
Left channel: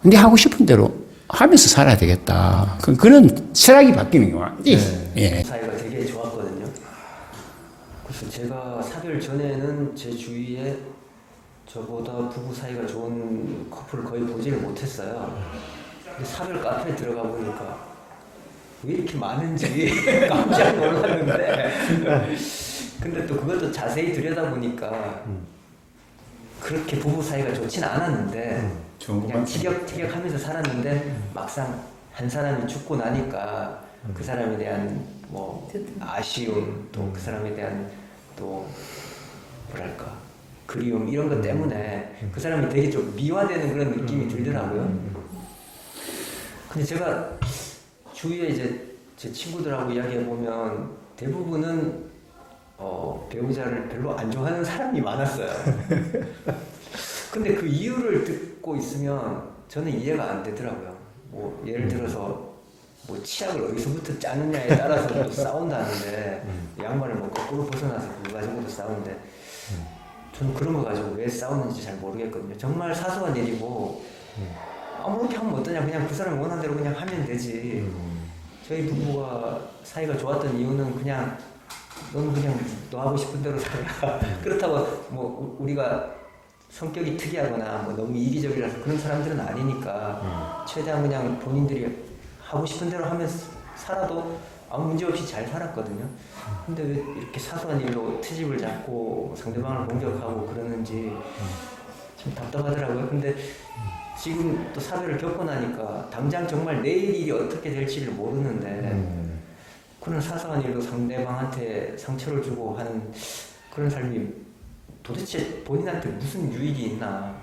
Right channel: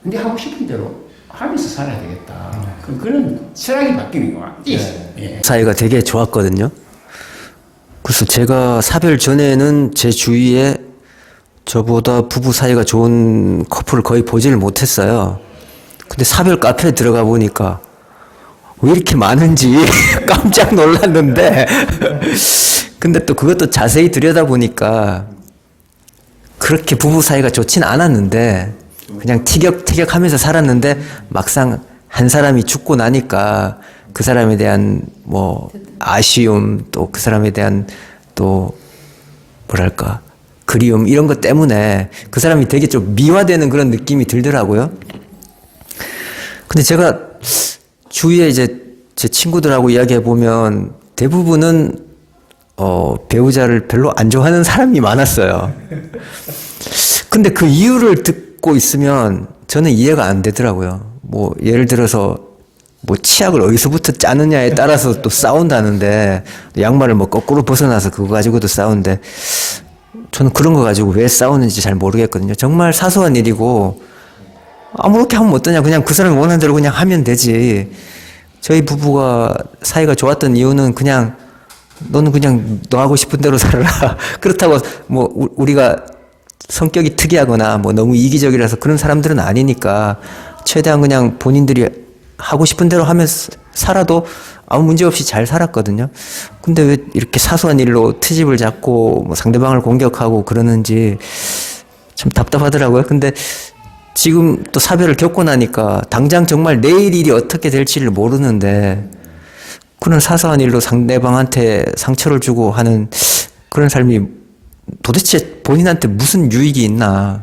근데 하고 싶은 대로 하면서 살아야 되겠다. 그런 철학이 바뀌는 거야. 예. 사이가 되게 좋았거든요. 그래서 제가 사별 전에는 제 주위에 저보다 부부 사이가 좋은 커플을 거의 보지를 못했어요. 근데 사별 카페에 들어가 보니까 왜 이렇게 많은지 깜짝 놀랐는데 근데 또 그것도 자세히 들여다보니까 그렇게 부부 사이가 좋진 않았는데 그냥 티격태격하면서 살았는데 막상 한 사람이 죽고 나니까 그 사람에 대한 뭐 아쉬움 또 그 사람에 대한 또 뭐랄까 그리움 이런 것 때문에 그 사람이 되게 좀 미화되는 그런 느낌이 들더라고요. 근데 제가 주위에 이제 제 친구들하고 이야기해 보면 대부분은 배우자를 별로 안 좋아하는 사람이 많았어요. 근데 그 이유를 듣고 있으면 저는 이해가 안 되더라고요. 뭐 예를 들어서 뭐 치약을 어디서부터 짜느냐에 따라서 또 싸운다는데 양말을 뭐 거꾸로 벗어나서 그거 가지고도 싸우는데 저는 그런 거 가지고 왜 싸우는지 잘 모르겠거든요. 정말 사소한 일이고 아무렇게 하면 어떠냐 그냥 그 사람이 원하는 대로 그냥 하면 되지 저희 부부가 사이가 좋았던 이유는 그냥 너는 그냥 너 하고 싶은 대로 살아라. 그렇다고 뭐 우리가 성격이 특이하거나 뭐 너무 이기적이라서 그런 사람들은 아니니까 최대한 그냥 본인들이 하고 싶은 대로 하면서 살아도 아무 문제 없이 잘 살았거든요. 근데 왜 이렇게 사소한 일로 트집을 잡고 뭐 상대방을 공격하고 그러는지 참 답답하더라고요. 근데 지금 또 사별을 겪고 나니까 당장 정말 내일 일이 어떻게 될지를 모르는데 그런 사소한 일로 상대방한테 상처를 주고 하는 그런 삶이 도대체 본인한테 무슨 유익이 있나.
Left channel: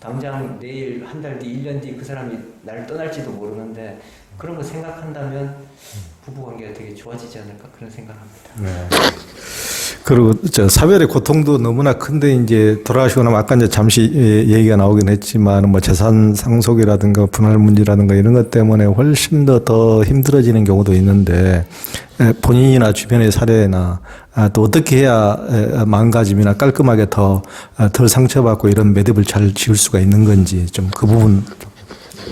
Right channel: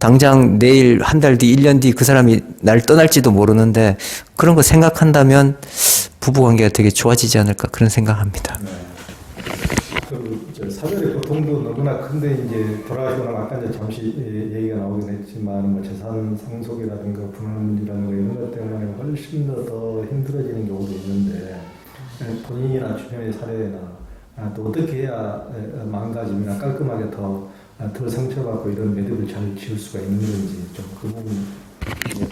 당장 내일, 한 달 뒤, 1년 뒤 그 사람이 날 떠날지도 모르는데 그런 거 생각한다면 부부관계가 되게 좋아지지 않을까 그런 생각합니다. 그리고 사별의 고통도 너무나 큰데 이제 돌아가시고 나면 아까 이제 잠시 얘기가 나오긴 했지만 뭐 재산 상속이라든가 분할 문제라든가 이런 것 때문에 훨씬 더 힘들어지는 경우도 있는데 본인이나 주변의 사례나 또 어떻게 해야 마음가짐이나 깔끔하게 덜 상처받고 이런 매듭을 잘 지을 수가 있는 건지 좀 그 부분.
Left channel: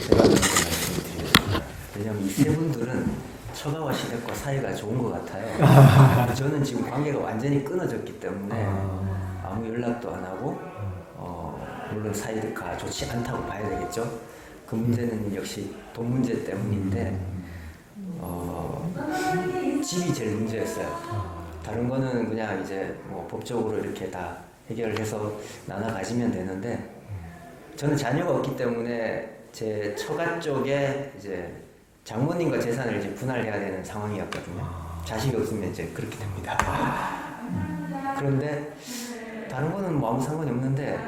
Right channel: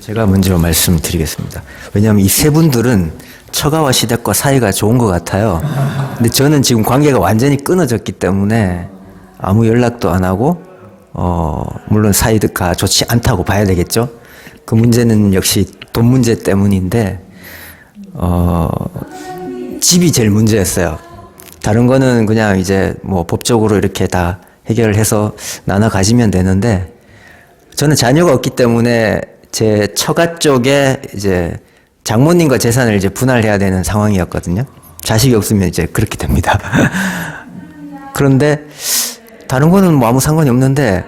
제가 먼저 말씀드리겠습니다. 왜냐하면 이 세 분들은 처가와 시댁과 사이가 좋은 것 같아요. 근데 저는 지금 관계가 완전히 끊어졌기 때문에 아무 연락도 안 하고 물론 사이가 좋지 않다고 봐야 되겠죠. 그 문제는 역시 돈 문제 때문인데 집이 제일 문제였어요. 다른 거는 그냥 이제 뭐 법적으로 이렇게 다 해결을 해서 나눠 가지면 되는데 저는 자녀가 없기 때문에 제 처가 쪽에 이제 장모님과 재산을 이제 분할해야 되는 상황이었거든요. 자식이 없으면 이제 그렇게 됩니다. 그런데 다른 거는 뭐 아무 상관이 없는데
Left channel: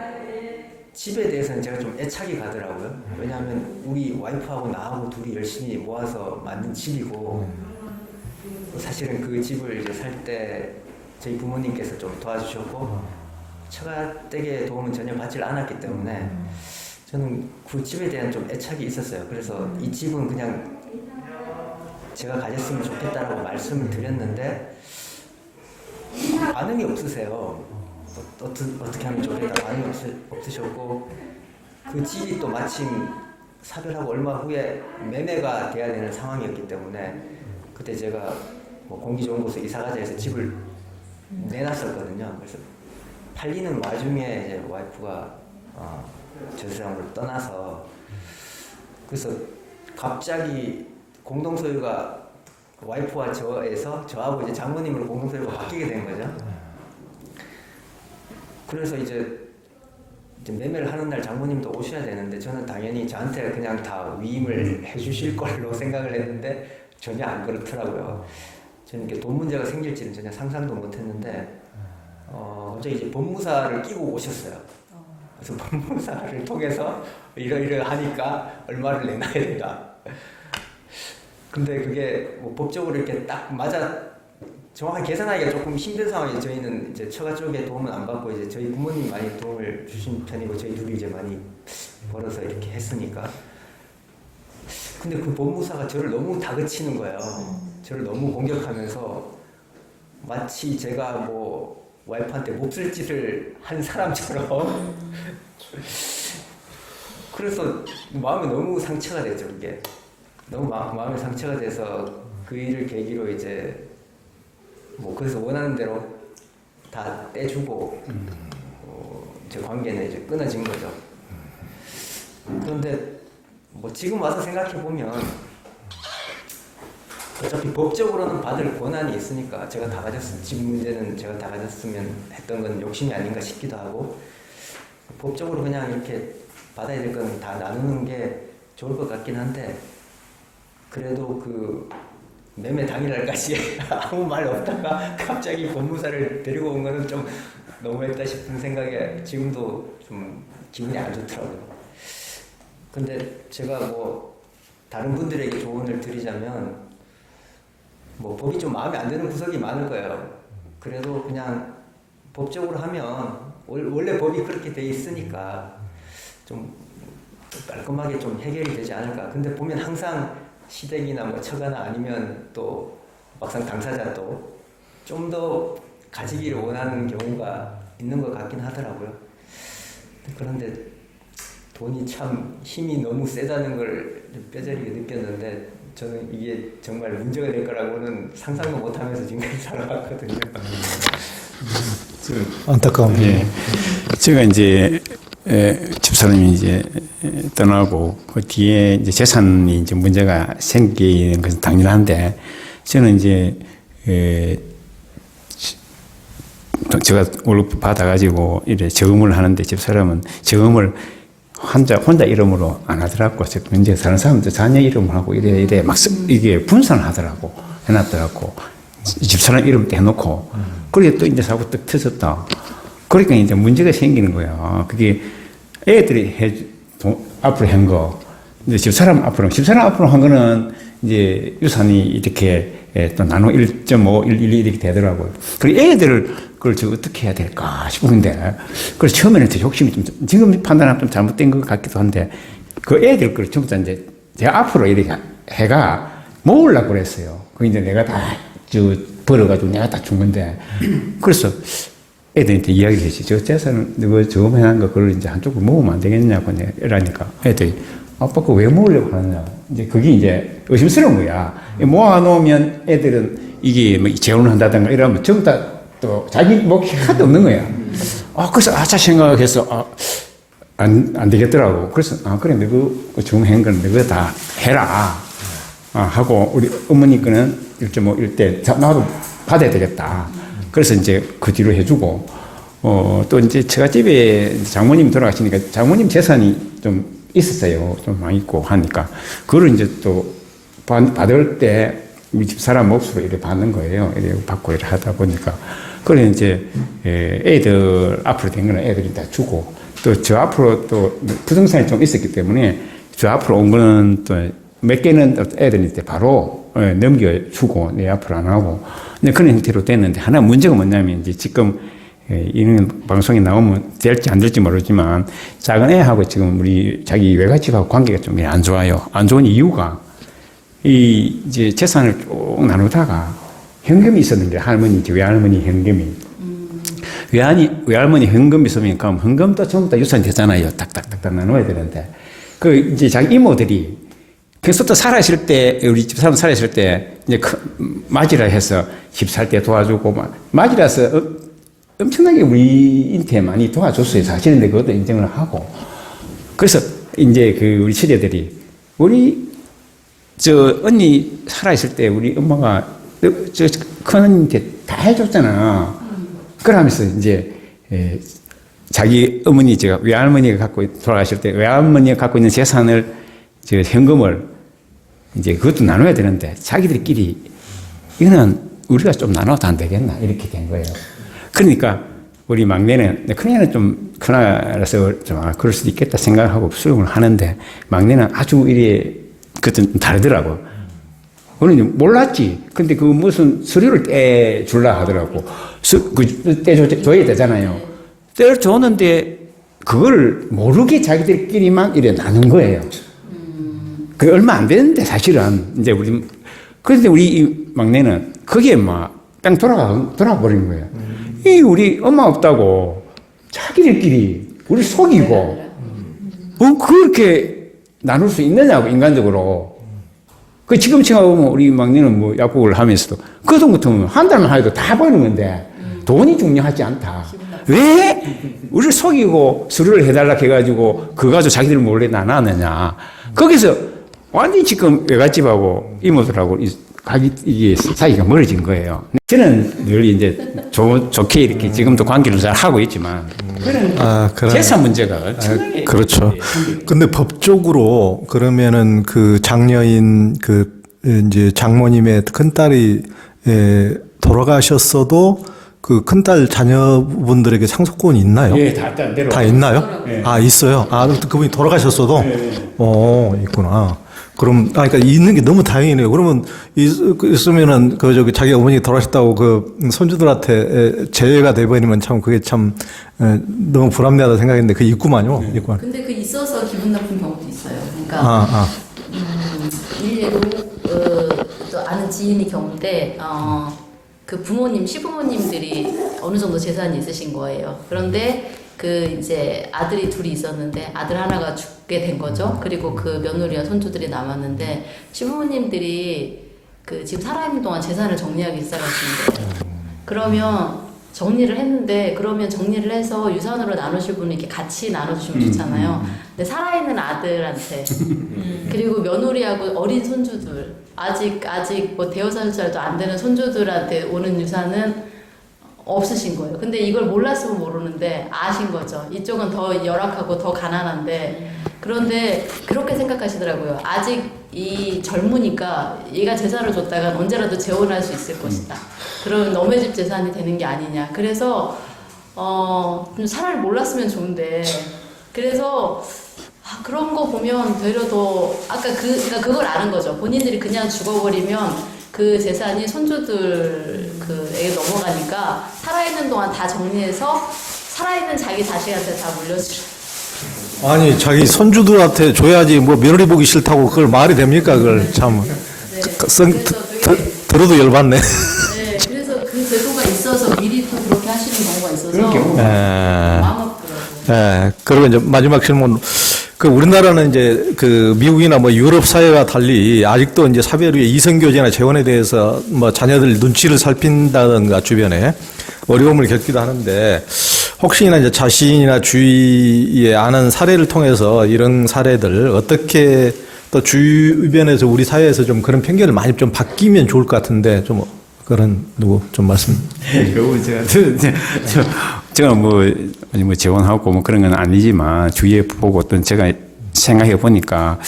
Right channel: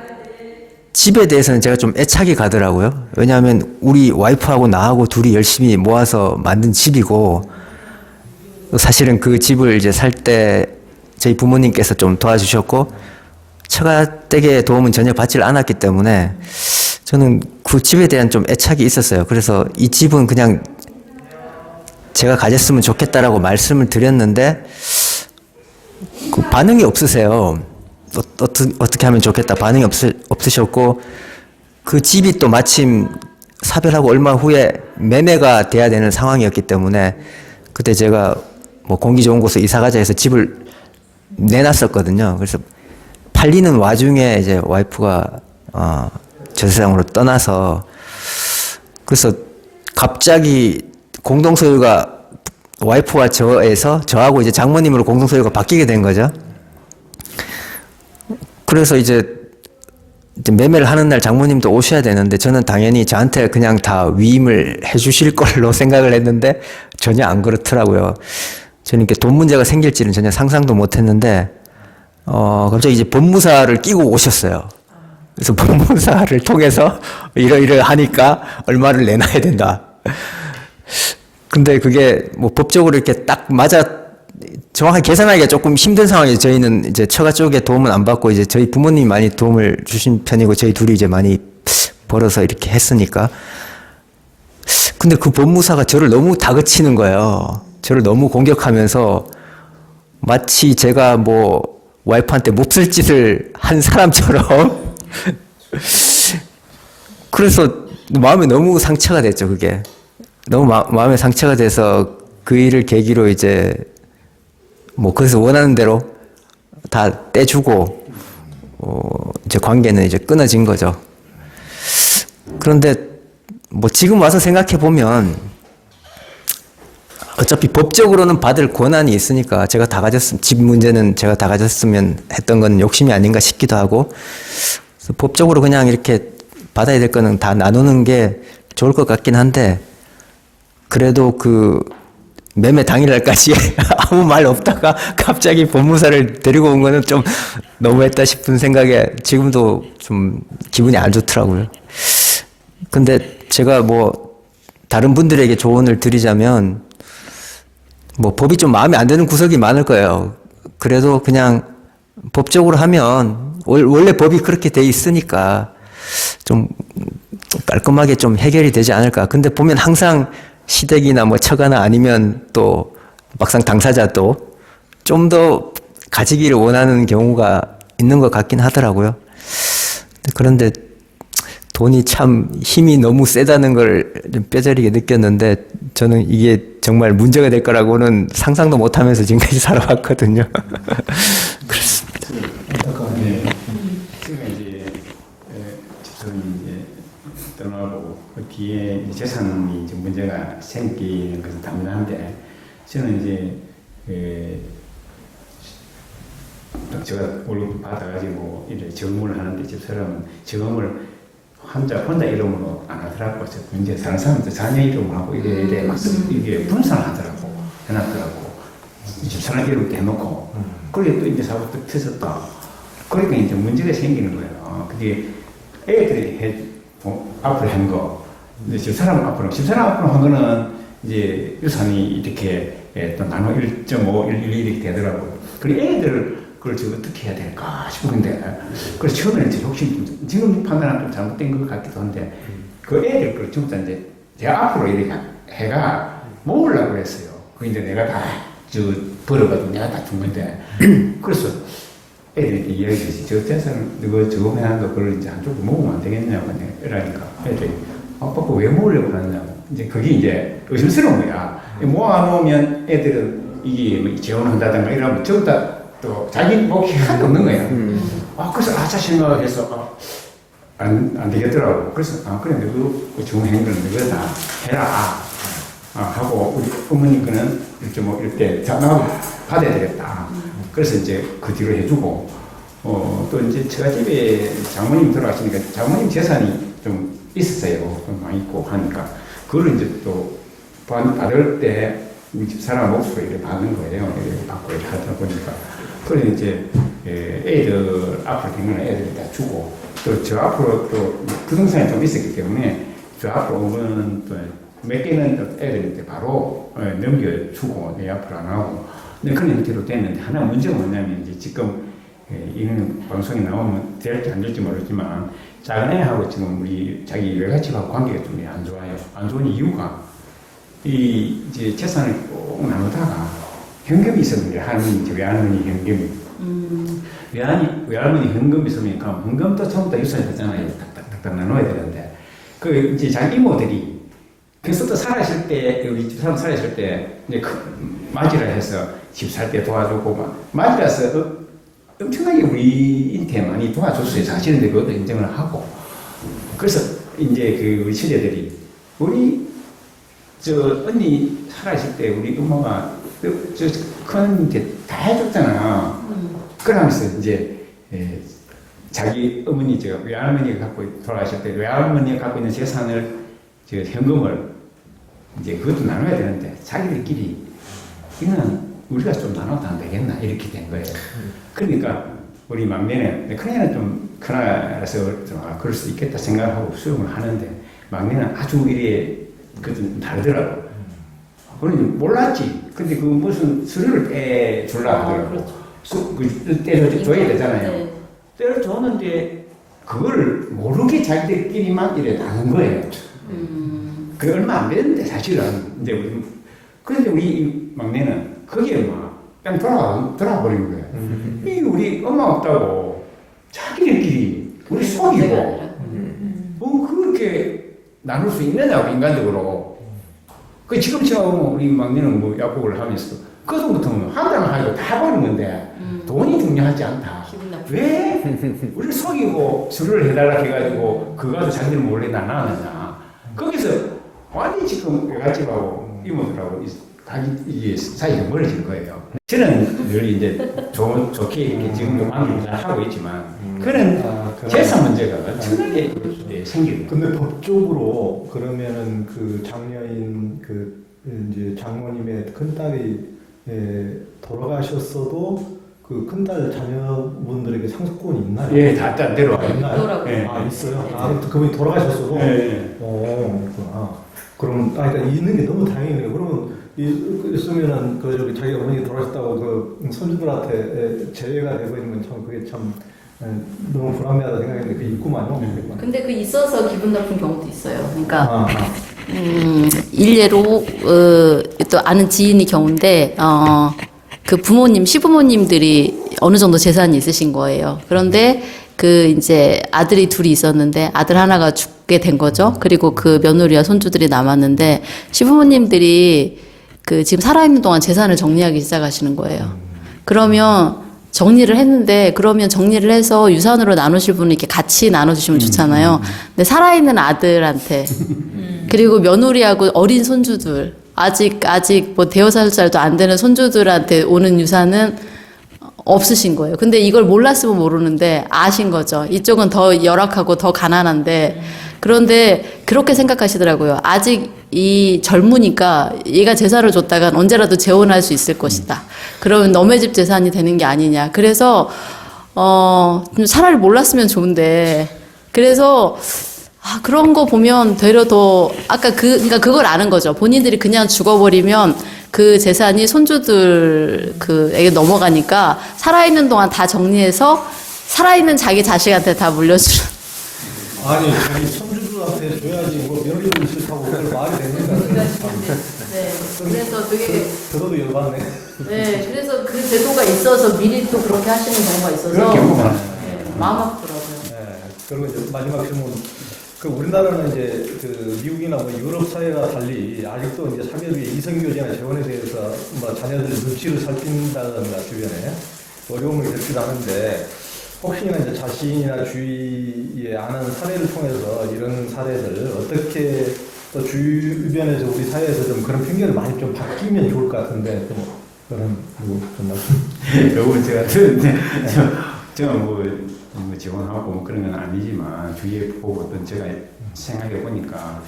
집에 대해서는 제가 좀 애착이 가더라고요. 왜냐하면 우리 와이프하고 나하고 둘이 열심히 모아서 만든 집이고 사실은 그 집을 이제 살 때 저희 부모님께서 좀 도와주셨고 처가댁의 도움은 전혀 받질 않았기 때문에 저는 그 집에 대한 좀 애착이 있었어요. 그래서 이 집은 그냥 제가 가졌으면 좋겠다라고 말씀을 드렸는데 그 반응이 없으세요. 어떻게 하면 좋겠다 반응이 없으셨고 그 집이 또 마침 사별하고 얼마 후에 매매가 돼야 되는 상황이었기 때문에 그때 제가 뭐 공기 좋은 곳에 이사 가자 해서 집을 내놨었거든요. 그래서 팔리는 와중에 이제 와이프가 저 세상으로 떠나서 그래서 갑자기 공동소유가 와이프와 저에서 저하고 이제 장모님으로 공동소유가 바뀌게 된 거죠. 그래서 이제 매매를 하는 날 장모님도 오셔야 되는데 저는 당연히 저한테 그냥 다 위임을 해주실 걸로 생각을 했는데 전혀 안 그렇더라고요. 저는 이렇게 돈 문제가 생길지는 전혀 상상도 못했는데 갑자기 이제 법무사를 끼고 오셨어요. 그래서 법무사를 통해서 이러하니까 얼마를 내놔야 된다. 근데 그게 뭐 법적으로 이렇게 딱 정확하게 계산하기가 조금 힘든 상황이에요. 저희는 이제 처가 쪽에 도움은 안 받고 이제 저희 부모님이 많이 도움을 주신 편이고 저희 둘이 이제 많이 벌어서 이렇게 했으니까. 근데 그 법무사가 저를 너무 다그치는 거예요. 저를 너무 공격하면서 마치 제가 뭐 와이프한테 몹쓸 짓을 한 사람처럼 그래서 마음에 너무 상처가 됐죠. 그게 너무 마음에 상처가 돼서 그 일을 계기로 이제 뭐 거기서 원하는 대로 다 떼주고 이제 관계는 이제 끊어진 거죠. 그런데 뭐 지금 와서 생각해 보면 어차피 법적으로는 받을 권한이 있으니까 제가 다 집 문제는 제가 다 가졌으면 했던 건 욕심이 아닌가 싶기도 하고 그래서 법적으로 그냥 이렇게 받아야 될 거는 다 나누는 게 좋을 것 같긴 한데 그래도 그 매매 당일날까지 아무 말 없다가 갑자기 법무사를 데리고 온 거는 좀 너무했다 싶은 생각에 지금도 좀 기분이 안 좋더라고요. 근데 제가 뭐 다른 분들에게 조언을 드리자면 뭐 법이 좀 마음에 안 드는 구석이 많을 거예요. 그래도 그냥 법적으로 하면 원래 법이 그렇게 돼 있으니까 좀 깔끔하게 좀 해결이 되지 않을까. 근데 보면 항상 시댁이나 뭐 처가나 아니면 또 막상 당사자도 좀 더 가지기를 원하는 경우가 있는 것 같긴 하더라고요. 그런데 돈이 참 힘이 너무 세다는 걸 좀 뼈저리게 느꼈는데 저는 이게 정말 문제가 될 거라고는 상상도 못하면서 지금까지 살아왔거든요. 안타까워요. 예. 제가 이제 집사람이 이제 떠나고 그 뒤에 이제 재산이 이제 문제가 생기는 것은 당연한데 저는 이제 제가 월급 받아가지고 이래 저금을 하는데 집사람은 저금을 혼자 이름으로 안 하더라고. 이제 다른 사람들 자녀 이름을 하고 이래 막 이게 분산을 하더라고. 해놨더라고. 집사람 이름 떼놓고. 그래 또 이제 사고 또 터졌다. 그러니까 이제 문제가 생기는 거야. 그게 애들이 앞으로 한 거. 이제 집사람 앞으로 한 거는 이제 유산이 이렇게 또 나눠 1.5, 1, 1 이렇게 되더라고요. 그리고 애들을 그걸 저 어떻게 해야 될까 싶은데, 그래서 처음에는 제 욕심이 좀, 지금 판단하면 좀 잘못된 것 같기도 한데, 그 애들 걸 전부 다 이제 제가 앞으로 이렇게 해가 모으려고 그랬어요. 그 이제 내가 다 벌어가지고 내가 다 준 건데, 그래서 애들한테 이야기를 했지. 저 재산을, 너 저거 해놓은 거 그걸 이제 한쪽으로 모으면 안 되겠냐고 이러니까 애들이, 아빠 그거 왜 모으려고 그러냐. 이제 그게 이제 의심스러운 거야. 모아놓으면 애들은 이게 뭐 재혼을 한다든가 이러면 전부 다 또 자기 목이 하나도 없는 거야. 그래서 아차 생각해서 안 되겠더라고. 그래서 그래 너그 정한 거는 너가 다 해라 하고 우리 어머니 거는 1.5 이럴 때 나도 받아야 되겠다. 그래서 이제 그 뒤로 해주고 또 이제 제가 집에 장모님 돌아가시니까 장모님 재산이 좀 있었어요. 좀 많이 있고 하니까 그걸 이제 또 받을 때 우리 집 사람 몫으로 이렇게 받는 거예요. 이렇게 받고 이렇게 하다 보니까. 그래 이제 애들 앞으로 된 거는 애들이 다 주고 또 저 앞으로 또 부동산이 좀 있었기 때문에 저 앞으로 온 거는 또 몇 개는 애들한테 바로 넘겨주고 내 앞으로 안 하고 근데 그런 형태로 됐는데 하나 문제가 뭐냐면 이제 지금 이런 방송에 나오면 될지 안 될지 모르지만 작은 애하고 지금 우리 자기 외갓집하고 관계가 좀 안 좋아요. 안 좋은 이유가 이제 재산을 쭉 나누다가 현금이 있었는데 할머니, 외할머니 현금이 외할머니 현금이 있으면 그럼 현금도 전부 다 유산 되잖아요. 딱딱딱 나눠야 되는데 그 이제 자기 이모들이 그래서 또 살아있을 때 우리 집사람 살아있을 때 이제 맞이라 해서 집 살 때 도와주고 맞이라서 엄청나게 우리한테 많이 도와줬어요. 사실은 그것도 인정을 하고 그래서 이제 그 우리 처제들이 우리 저 언니 살아있을 때 우리 엄마가 저 큰 언니한테 다 해줬잖아. 그러면서 이제 자기 어머니 제가 외할머니가 갖고 돌아가실 때 외할머니가 갖고 있는 재산을 저 현금을 이제 그것도 나눠야 되는데 자기들끼리 이거는 우리가 좀 나눠도 안 되겠나 이렇게 된 거예요. 그러니까 우리 막내는 큰애는 좀 큰아라서 좀 그럴 수도 있겠다 생각하고 수용을 하는데 막내는 아주 이래 그것도 다르더라고. 우리는 몰랐지. 근데 그 무슨 서류를 떼줄라 하더라고. 떼줘야 되잖아요. 떼줬는데 그걸 모르게 자기들끼리만 이래 나눈 거예요. 그게 얼마 안 되는데 사실은 이제 그런데 우리 이 막내는 그게 막 뺑 돌아가 버린 거예요. 이 우리 엄마 없다고 자기들끼리 우리 속이고 그렇게 나눌 수 있느냐고 인간적으로. 그 지금 생각하면 우리 막내는 뭐 약국을 하면서도 그 돈 같으면 한 달만 하여도 다 버는 건데 돈이 중요하지 않다. 왜 우리를 속이고 수료를 해달라 해가지고 그거 가지고 자기들 몰래 나눴느냐. 거기서 완전히 지금 외갓집하고 이모들하고 이게 사이가 멀어진 거예요. 저는 늘 이제 좋게 이렇게 지금도 관계를 잘 하고 있지만 재산 문제가 그렇죠. 근데 법적으로 그러면은 그 장녀인 그 이제 장모님의 큰딸이 돌아가셨어도 그 큰딸 자녀분들에게 상속권이 있나요? 네, 다 있나요? 네. 있어요. 그분이 돌아가셨어도? 네. 있구나. 그럼, 그러니까 있는 게 너무 다행이네요. 그러면 있으면은 자기 어머니가 돌아가셨다고 그 손주들한테 제외가 돼버리면 참 그게 참 너무 불합리하다 생각했는데 그게 있구만요. 있구만. 근데 그 있어서 기분 나쁜 경우도 있어요. 그러니까 일례로 또 아는 지인이 경우인데 그 부모님, 시부모님들이 어느 정도 재산이 있으신 거예요. 그런데 그 이제 아들이 둘이 있었는데 아들 하나가 죽게 된 거죠. 그리고 그 며느리와 손주들이 남았는데 시부모님들이 그 지금 살아있는 동안 재산을 정리하기 시작하시는 거예요. 그러면 정리를 했는데 그러면 정리를 해서 유산으로 나누실 분은 이렇게 같이 나눠주시면 좋잖아요. 근데 살아있는 아들한테 그리고 며느리하고 어린 손주들 아직 뭐 대여섯 살도 안 되는 손주들한테 오는 유산은 없으신 거예요. 근데 이걸 몰랐으면 모르는데 아신 거죠. 이쪽은 더 열악하고 더 가난한데 그런데 그렇게 생각하시더라고요. 아직 이 젊으니까 얘가 재산을 줬다간 언제라도 재혼할 수 있을 것이다. 그러면 너네 집 재산이 되는 게 아니냐. 그래서 좀 차라리 몰랐으면 좋은데 그래서 그런 거 보면 되려 더 아까 그러니까 그걸 아는 거죠. 본인들이 그냥 죽어버리면 그 재산이 손주들 그에게 넘어가니까 살아있는 동안 다 정리해서 살아있는 자기 자식한테 다 물려주는. 아니 자기 손주들한테 줘야지 뭐 며느리 보기 싫다고 그걸 말이 됩니까? 그걸 참 들어도 열받네. 네, 그래서 그 제도가 있어서 미리 또 그렇게 하시는 경우가 있어서 마음 아프더라고요. 네, 그리고 이제 마지막 질문. 그 우리나라는 이제 그 미국이나 뭐 유럽 사회와 달리 아직도 이제 사별 후에 이성교제나 재혼에 대해서 뭐 자녀들 눈치를 살핀다든가 주변에 어려움을 겪기도 하는데 혹시나 이제 자신이나 주위에 아는 사례를 통해서 이런 사례들 어떻게 또 주변에서 우리 사회에서 좀 그런 편견을 많이 좀 바뀌면 좋을 것 같은데 좀 그런 누구 좀 말씀. 여러분 제가 뭐 재혼하고 뭐 그런 건 아니지만 주위에 보고 어떤 제가 생각해 보니까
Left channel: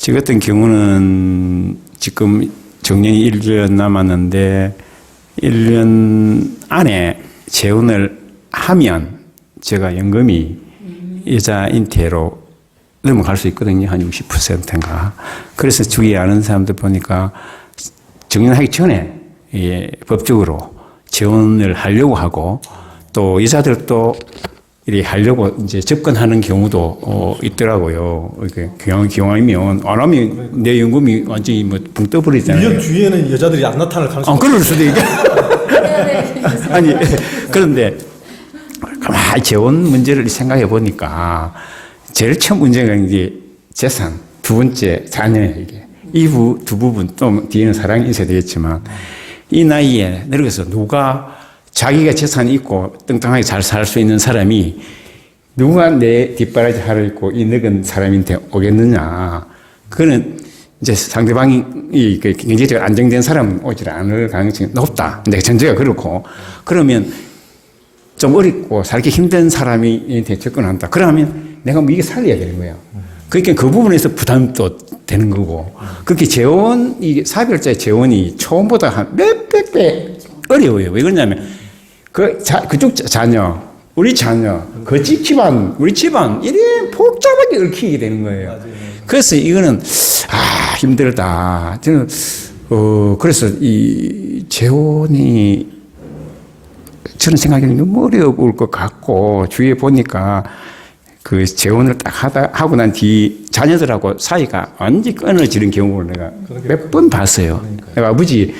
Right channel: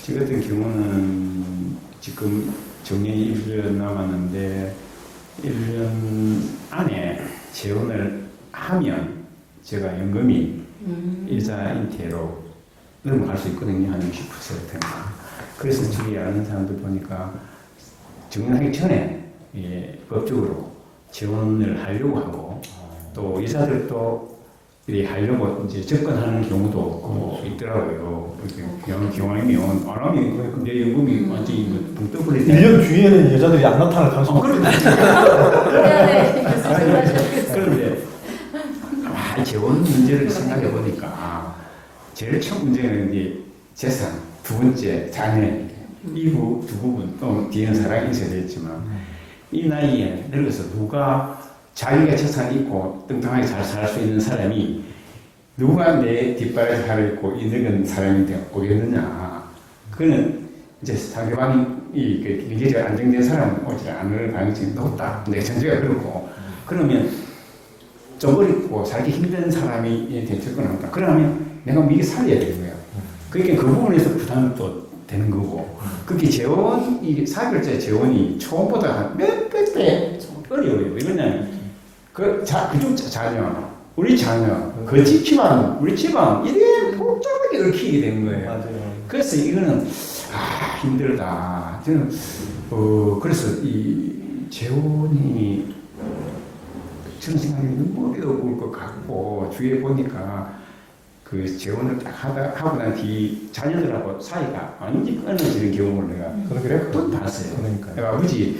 저 같은 경우는 지금 정년이 1년 남았는데 1년 안에 재혼을 하면 제가 연금이 여자 인태로 넘어갈 수 있거든요. 한 60%인가. 그래서 주위에 아는 사람들 보니까 정년하기 전에 법적으로 재혼을 하려고 하고 또 여자들도 이렇게 하려고 이제 접근하는 경우도 있더라고요. 이렇게 기왕이면 안 하면 내 연금이 완전히 뭐 붕 떠버리잖아요. 유럽 주위에는 여자들이 안 나타날 가능성이 그럴 수도 있고. 아니 그런데 가만히 재혼 문제를 생각해 보니까 제일 처음 문제가 이제 재산, 두 번째 자녀예요. 이게 이 두 부분 좀 뒤에는 사랑이 있어야 되겠지만 이 나이에 늙어서 누가 자기가 재산이 있고 뚱뚱하게 잘 살 수 있는 사람이 누가 내 뒷바라지 하를 입고 이 늙은 사람한테 오겠느냐. 그거는 이제 상대방이 경제적으로 안정된 사람은 오지 않을 가능성이 높다. 근데 전제가 그렇고 그러면 좀 어렵고 살기 힘든 사람이 접근한다. 그러면 내가 뭐 이게 살려야 되는 거예요. 그러니까 그 부분에서 부담도 되는 거고. 그렇게 재혼, 이 사별자의 재혼이 처음보다 한 몇백 배 어려워요. 왜 그러냐면 그쪽 자녀, 우리 자녀, 그 집안, 우리 집안 이래 복잡하게 얽히게 되는 거예요. 맞아요. 그래서 이거는 힘들다. 저는 그래서 이 재혼이 저는 생각에는 너무 어려울 것 같고 주위에 보니까 그 재혼을 딱 하고 난 뒤 자녀들하고 사이가 완전히 끊어지는 경우를 내가 몇 번 봤어요. 내가 아버지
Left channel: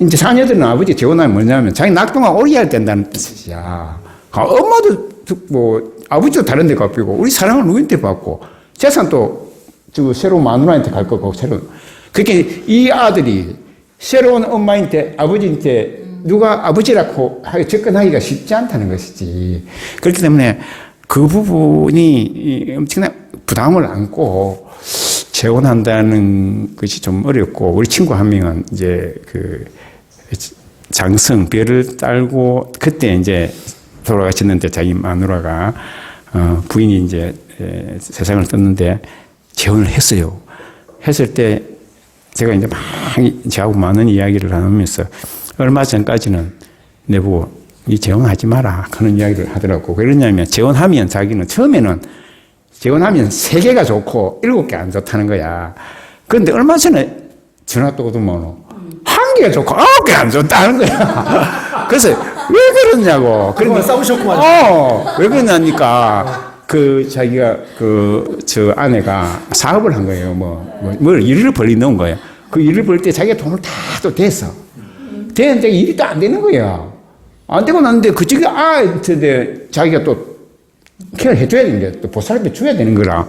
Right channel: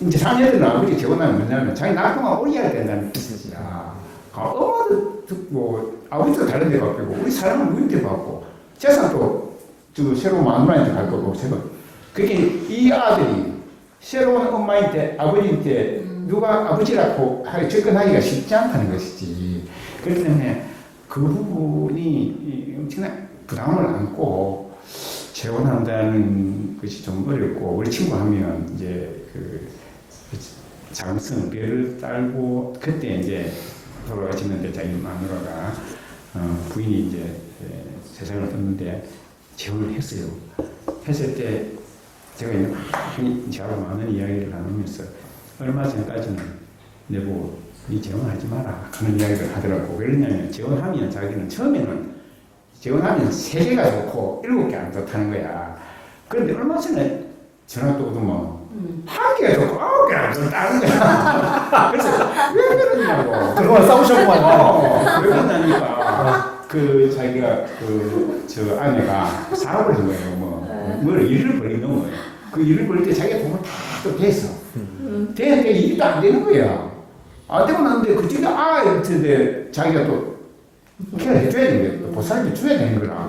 이제 자녀들은 아버지 재혼하면 뭐냐면 자기 낙동강 오리할 된다는 뜻이야. 엄마도 뭐 아버지도 다른 데 갚이고 우리 사랑을 누구한테 받고 재산도 새로운 마누라한테 갈 거고 그렇게 이 아들이 새로운 엄마한테 아버지한테 누가 아버지라고 접근하기가 쉽지 않다는 것이지. 그렇기 때문에 그 부분이 엄청난 부담을 안고 재혼한다는 것이 좀 어렵고 우리 친구 한 명은 이제 그 장성 별을 딸고 그때 이제 돌아가셨는데 자기 마누라가 부인이 이제 세상을 떴는데 재혼을 했어요. 했을 때 제가 이제 막 저하고 많은 이야기를 나누면서 얼마 전까지는 내보고 니 재혼하지 마라 그런 이야기를 하더라고. 왜 그러냐면 재혼하면 자기는 처음에는 재혼하면 3개가 좋고 7개 안 좋다는 거야. 그런데 얼마 전에 전화 또 오더만 1개가 좋고 9개 안 좋다는 거야. 그래서 왜 그러냐고. 그러고 싸우셨구만. 왜 그러냐니까 그 자기가 저 아내가 사업을 한 거예요. 뭘 일을 벌리 놓은 거예요. 그 일을 벌 때 자기가 돈을 다 또 댔어. 되는데 일이 또 안 되는 거야. 안 되고 나는데 그쪽에 이제 자기가 또 케어를 해줘야 되는데 또 보살펴 줘야 되는 거라.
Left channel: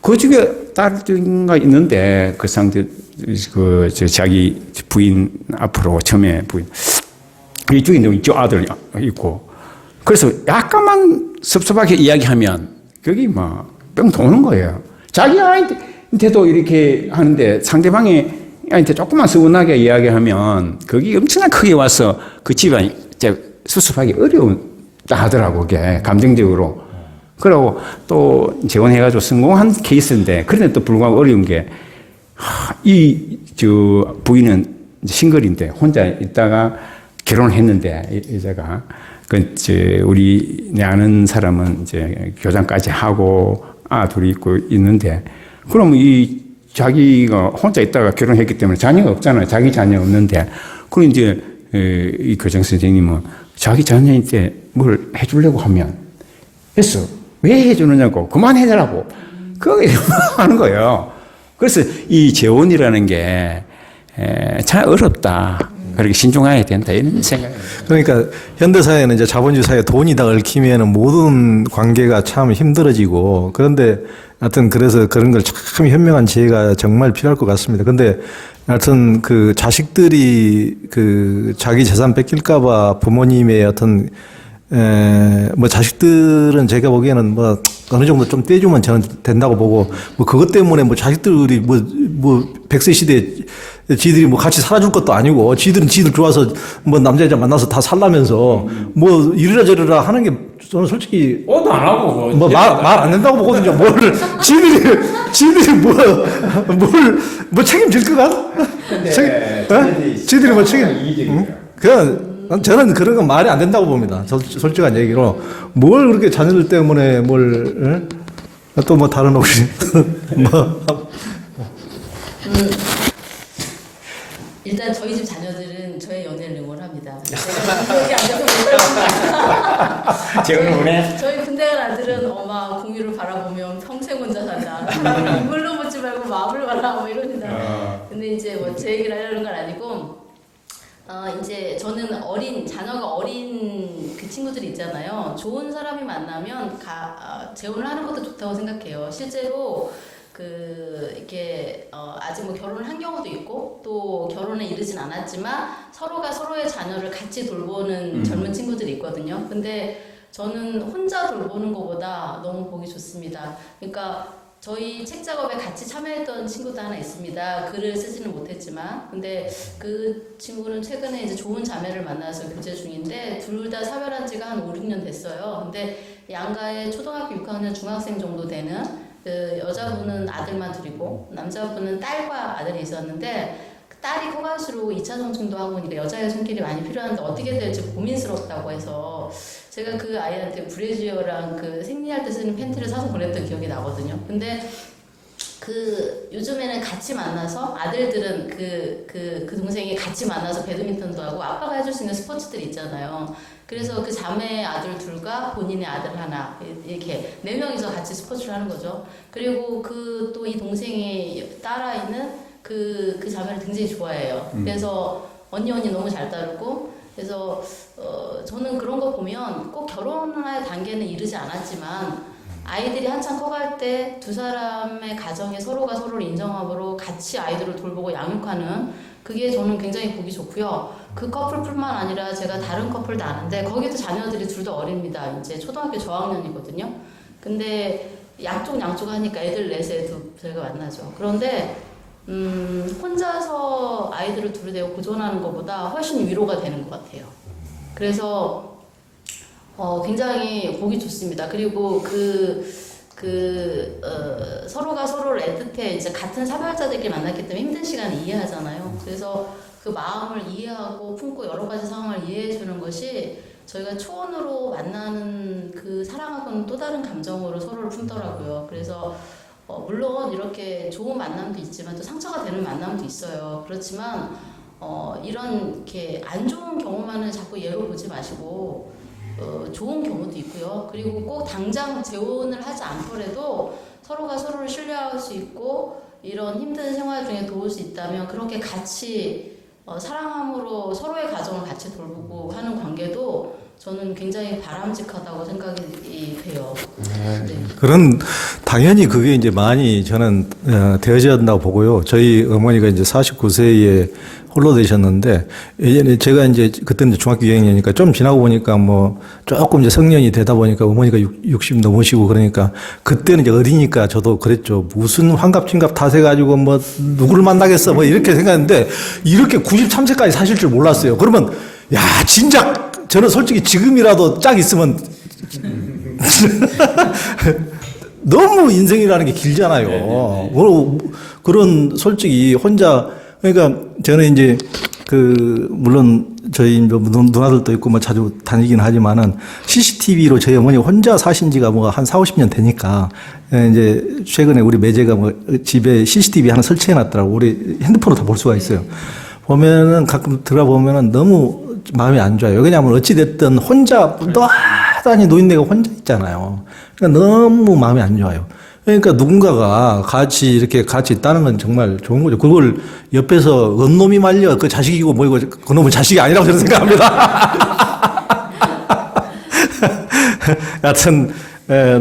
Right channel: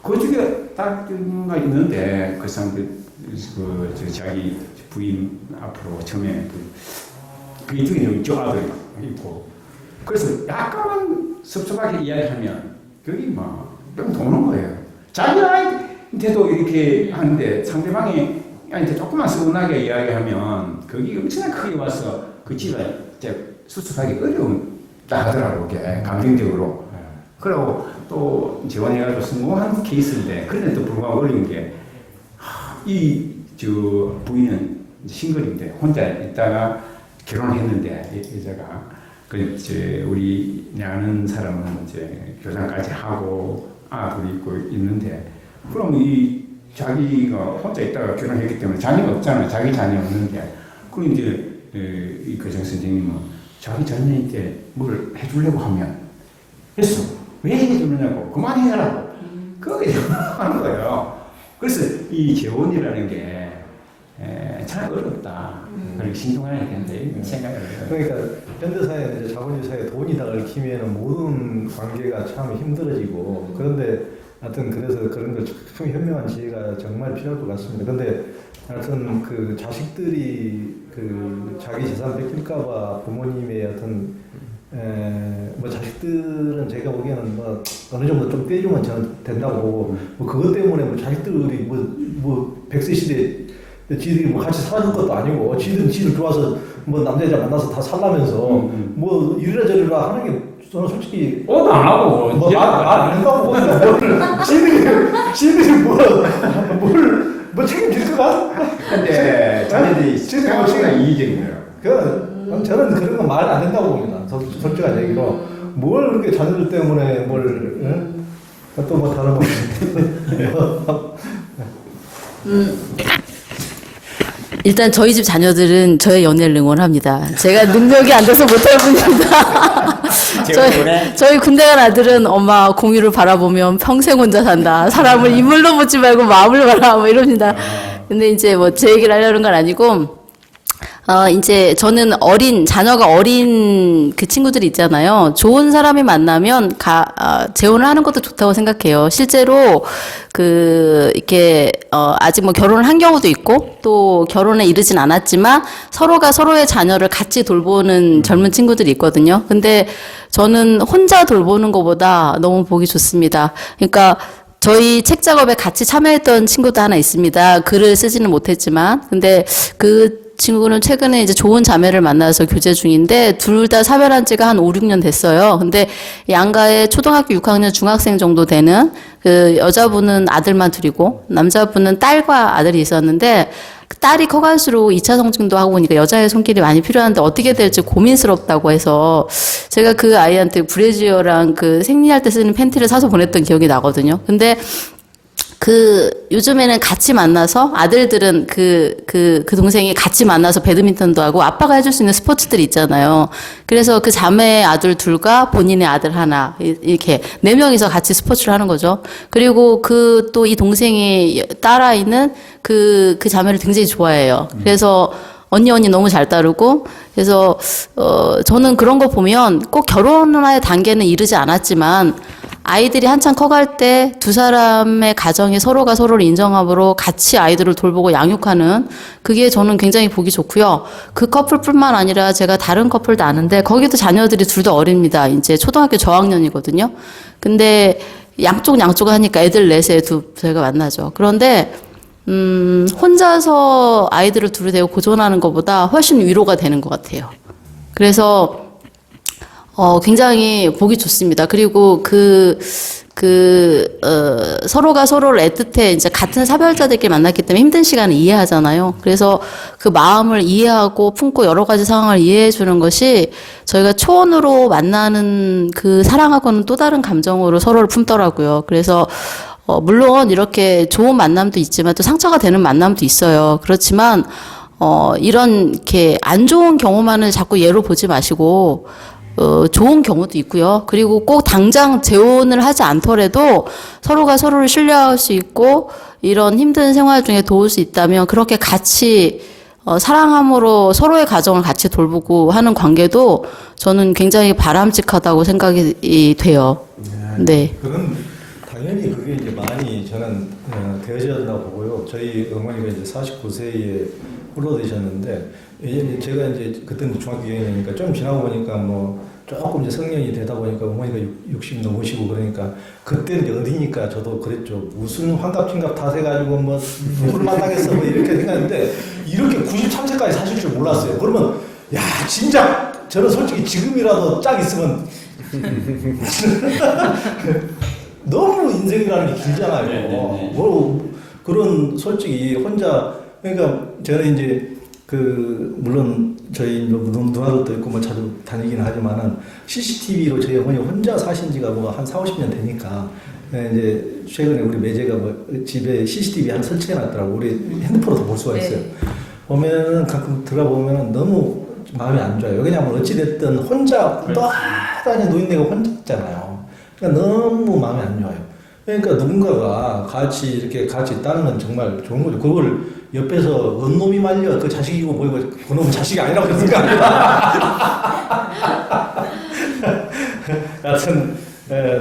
그쪽에 딸가 있는데 그 상대 저 자기 부인 앞으로 처음에 부인 이쪽에 있는 아들 있고 그래서 약간만 섭섭하게 이야기하면 거기 뿅 도는 거예요. 자기 아이한테도 이렇게 하는데 상대방이 아이한테 조금만 서운하게 이야기하면 거기 엄청나게 크게 와서 그 집안이 수습하기 어려운다 하더라고, 그게 감정적으로. 그러고 또 재혼해가지고 성공한 케이스인데 그런데 또 불구하고 어려운 게 저 부인은 싱글인데 혼자 있다가 결혼을 했는데 여자가 우리 내 아는 사람은 이제 교장까지 하고 둘이 있고 있는데 그럼 자기가 혼자 있다가 결혼했기 때문에 자녀가 없잖아요. 자기 자녀 없는데 그럼 이제 이 교장 선생님은 자기 자녀한테 뭘 해주려고 하면 했어. 왜 해주느냐고 그만해달라고 그게 하는 거예요. 그래서 이 재혼이라는 게 참 어렵다. 그렇게 신중해야 된다 이런 생각이. 그러니까 현대사회는 이제 자본주의 사회 돈이 다 얽히면은 모든 관계가 참 힘들어지고 그런데 하여튼 그래서 그런 걸 참 현명한 지혜가 정말 필요할 것 같습니다. 근데 하여튼 그 자식들이 그 자기 재산 뺏길까봐 부모님의 어떤 뭐 자식들은 제가 보기에는 뭐 어느 정도 좀 떼주면 저는 된다고 보고 뭐 그것 때문에 뭐 자식들이 뭐 100세 시대에 지들이 뭐 같이 살아줄 것도 아니고 지들은 지들 좋아서 뭐 남자 여자 만나서 다 살라면서 뭐 이리라 저리라 하는 게 저는 솔직히 안 하고 뭐 말 안 된다고 보거든요. 뭘 지들이 뭘 책임질 거가? 지들이 뭐 책임? 그냥 저는 그런 건 말이 안 된다고 봅니다. 솔직한 얘기로 뭘 그렇게 자녀들 때문에 뭘 또 뭐 다른 혹시 뭐. 일단 저희 집 자녀들은 저의 연애를 응원합니다. 제가 능력이 안 돼서 못할 뿐입니다. 저희 군대 간 아들은 엄마 공유를 바라보면 평생 혼자 산다. 사람을 인물로 보지 말고 마음을 바라 뭐 이럽니다. 근데 이제 뭐 제 얘기를 하려는 건 아니고 이제 저는 자녀가 어린 그 친구들이 있잖아요. 좋은 사람이 만나면 재혼을 하는 것도 좋다고 생각해요. 실제로 이렇게 아직 뭐 결혼을 한 경우도 있고 또 결혼에 이르진 않았지만 서로가 서로의 자녀를 같이 돌보는 젊은 친구들이 있거든요. 근데 저는 혼자 돌보는 것보다 너무 보기 좋습니다. 그러니까 저희 책 작업에 같이 참여했던 친구도 하나 있습니다. 글을 쓰지는 못했지만 근데 그 친구는 최근에 이제 좋은 자매를 만나서 교제 중인데 둘 다 사별한 지가 한 5, 6년 됐어요. 근데 양가에 초등학교 6학년 중학생 정도 되는 그 여자분은 아들만 둘이고 남자분은 딸과 아들이 있었는데 딸이 커갈수록 2차 성징도 하고 보니까 여자의 손길이 많이 필요한데 어떻게 될지 고민스럽다고 해서 제가 그 아이한테 브래지어랑 그 생리할 때 쓰는 팬티를 사서 보냈던 기억이 나거든요. 근데 요즘에는 같이 만나서 아들들은 그 동생이 같이 만나서 배드민턴도 하고 아빠가 해줄 수 있는 스포츠들이 있잖아요. 그래서 그 자매의 아들 둘과 본인의 아들 하나, 이렇게 4명이서 같이 스포츠를 하는 거죠. 그리고 또 이 동생이 딸아이는 그 자매를 굉장히 좋아해요. 그래서 언니 너무 잘 따르고, 그래서, 저는 그런 거 보면 꼭 결혼의 단계는 이르지 않았지만, 아이들이 한창 커갈 때 두 사람의 가정이 서로가 서로를 인정함으로 같이 아이들을 돌보고 양육하는 그게 저는 굉장히 보기 좋고요. 그 커플뿐만 아니라 제가 다른 커플도 아는데 거기도 자녀들이 둘 다 어립니다. 이제 초등학교 저학년이거든요. 근데 양쪽 하니까 애들 넷에 저희가 만나죠. 그런데 혼자서 아이들을 둘이 대고 고전하는 것보다 훨씬 위로가 되는 것 같아요. 그래서 굉장히 보기 좋습니다. 그리고 서로가 서로를 애틋해 이제 같은 사별자들끼리 만났기 때문에 힘든 시간을 이해하잖아요. 그래서 그 마음을 이해하고 품고 여러 가지 상황을 이해해 주는 것이 저희가 초혼으로 만나는 그 사랑하고는 또 다른 감정으로 서로를 품더라고요. 그래서 물론 이렇게 좋은 만남도 있지만 또 상처가 되는 만남도 있어요. 그렇지만 이렇게 안 좋은 경우만을 자꾸 예로 보지 마시고 좋은 경우도 있고요. 그리고 꼭 당장 재혼을 하지 않더라도 서로가 서로를 신뢰할 수 있고 이런 힘든 생활 중에 도울 수 있다면 그렇게 같이 사랑함으로 서로의 가정을 같이 돌보고 하는 관계도 저는 굉장히 바람직하다고 생각이 돼요. 네. 그런 당연히 그게 이제 많이 저는 되어져야 한다고 보고요. 저희 어머니가 이제 49세에 홀로 되셨는데 예전에 제가 이제 그때는 중학교 2학년이니까 좀 지나고 보니까 뭐 조금 이제 성년이 되다 보니까 어머니가 60 넘으시고 그러니까 그때는 이제 어리니까 저도 그랬죠. 무슨 환갑진갑 탓해 가지고 뭐 누구를 만나겠어 뭐 이렇게 생각했는데 이렇게 93세까지 사실 줄 몰랐어요. 그러면 야 진짜 저는 솔직히 지금이라도 짝 있으면 너무 인생이라는 게 길잖아요. 그런 솔직히 혼자 그러니까 저는 이제 물론 저희 누나들도 있고 뭐 자주 다니긴 하지만은 CCTV로 저희 어머니 혼자 사신 지가 뭐 한 40, 50년 되니까 이제 최근에 우리 매제가 뭐 집에 CCTV 하나 설치해 놨더라고. 우리 핸드폰으로 다 볼 수가 있어요. 보면은 가끔 들어보면은 너무 마음이 안 좋아요. 왜냐하면 어찌됐든 혼자 떠다니 노인네가 혼자 있잖아요. 그러니까 너무 마음이 안 좋아요. 그러니까 누군가가 이렇게 같이 있다는 건 정말 좋은 거죠. 그걸 옆에서 언놈이 말려 그 자식이고 뭐이고 그놈은 자식이 아니라고 저는 생각합니다. 하여튼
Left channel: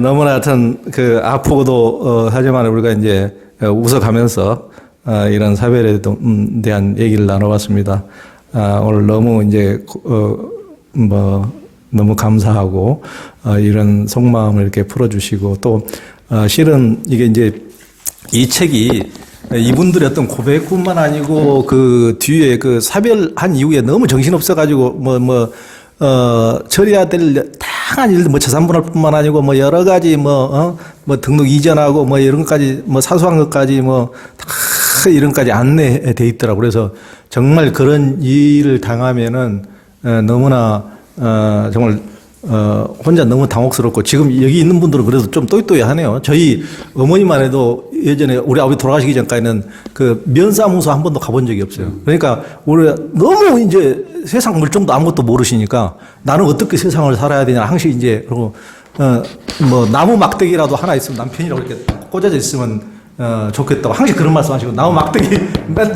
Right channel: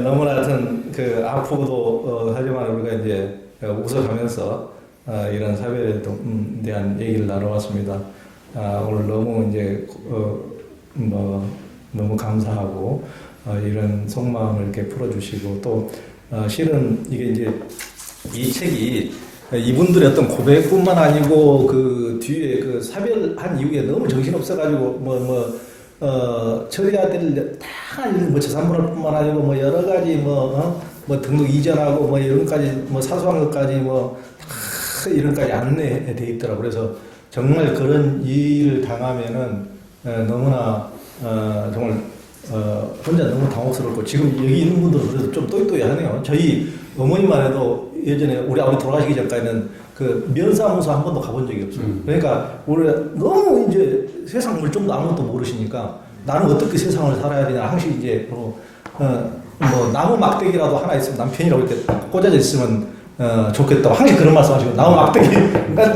너무나 하여튼 아프고도 하지만 우리가 이제 웃어가면서 이런 사별에 대한 얘기를 나눠봤습니다. 오늘 너무 이제 너무 감사하고 이런 속마음을 이렇게 풀어주시고 또 실은 이게 이제 이 책이 이분들의 어떤 고백뿐만 아니고 그 뒤에 사별한 이후에 너무 정신없어가지고 처리해야 될 다양한 일들 재산분할 뿐만 아니고 여러 가지 등록 이전하고 이런 것까지 사소한 것까지 다 이런 것까지 안내돼 있더라고. 그래서 정말 그런 일을 당하면은 너무나 정말 혼자 너무 당혹스럽고 지금 여기 있는 분들은 그래도 좀 또이또이하네요. 저희 어머니만 해도 예전에 우리 아버지 돌아가시기 전까지는 면사무소 한 번도 가본 적이 없어요. 그러니까 우리 너무 이제 세상 물정도 아무것도 모르시니까 나는 어떻게 세상을 살아야 되냐 항상 이제 그리고 나무 막대기라도 하나 있으면 남편이라고 이렇게 꽂아져 있으면 좋겠다고 항상 그런 말씀하시고 나무 막대기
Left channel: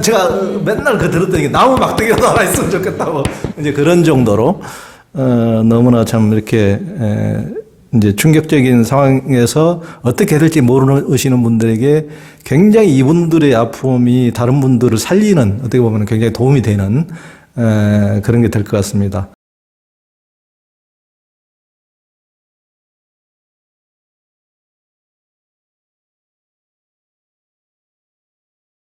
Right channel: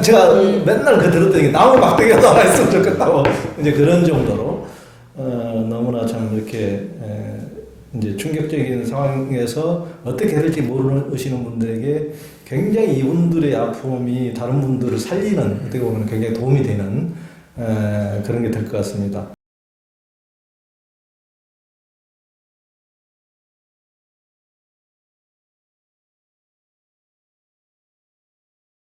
제가 맨날 들었더니 나무 막대기라도 하나 있으면 좋겠다고 이제 그런 정도로. 너무나 참 이렇게 이제 충격적인 상황에서 어떻게 해야 될지 모르시는 분들에게 굉장히 이분들의 아픔이 다른 분들을 살리는 어떻게 보면 굉장히 도움이 되는 그런 게 될 것 같습니다.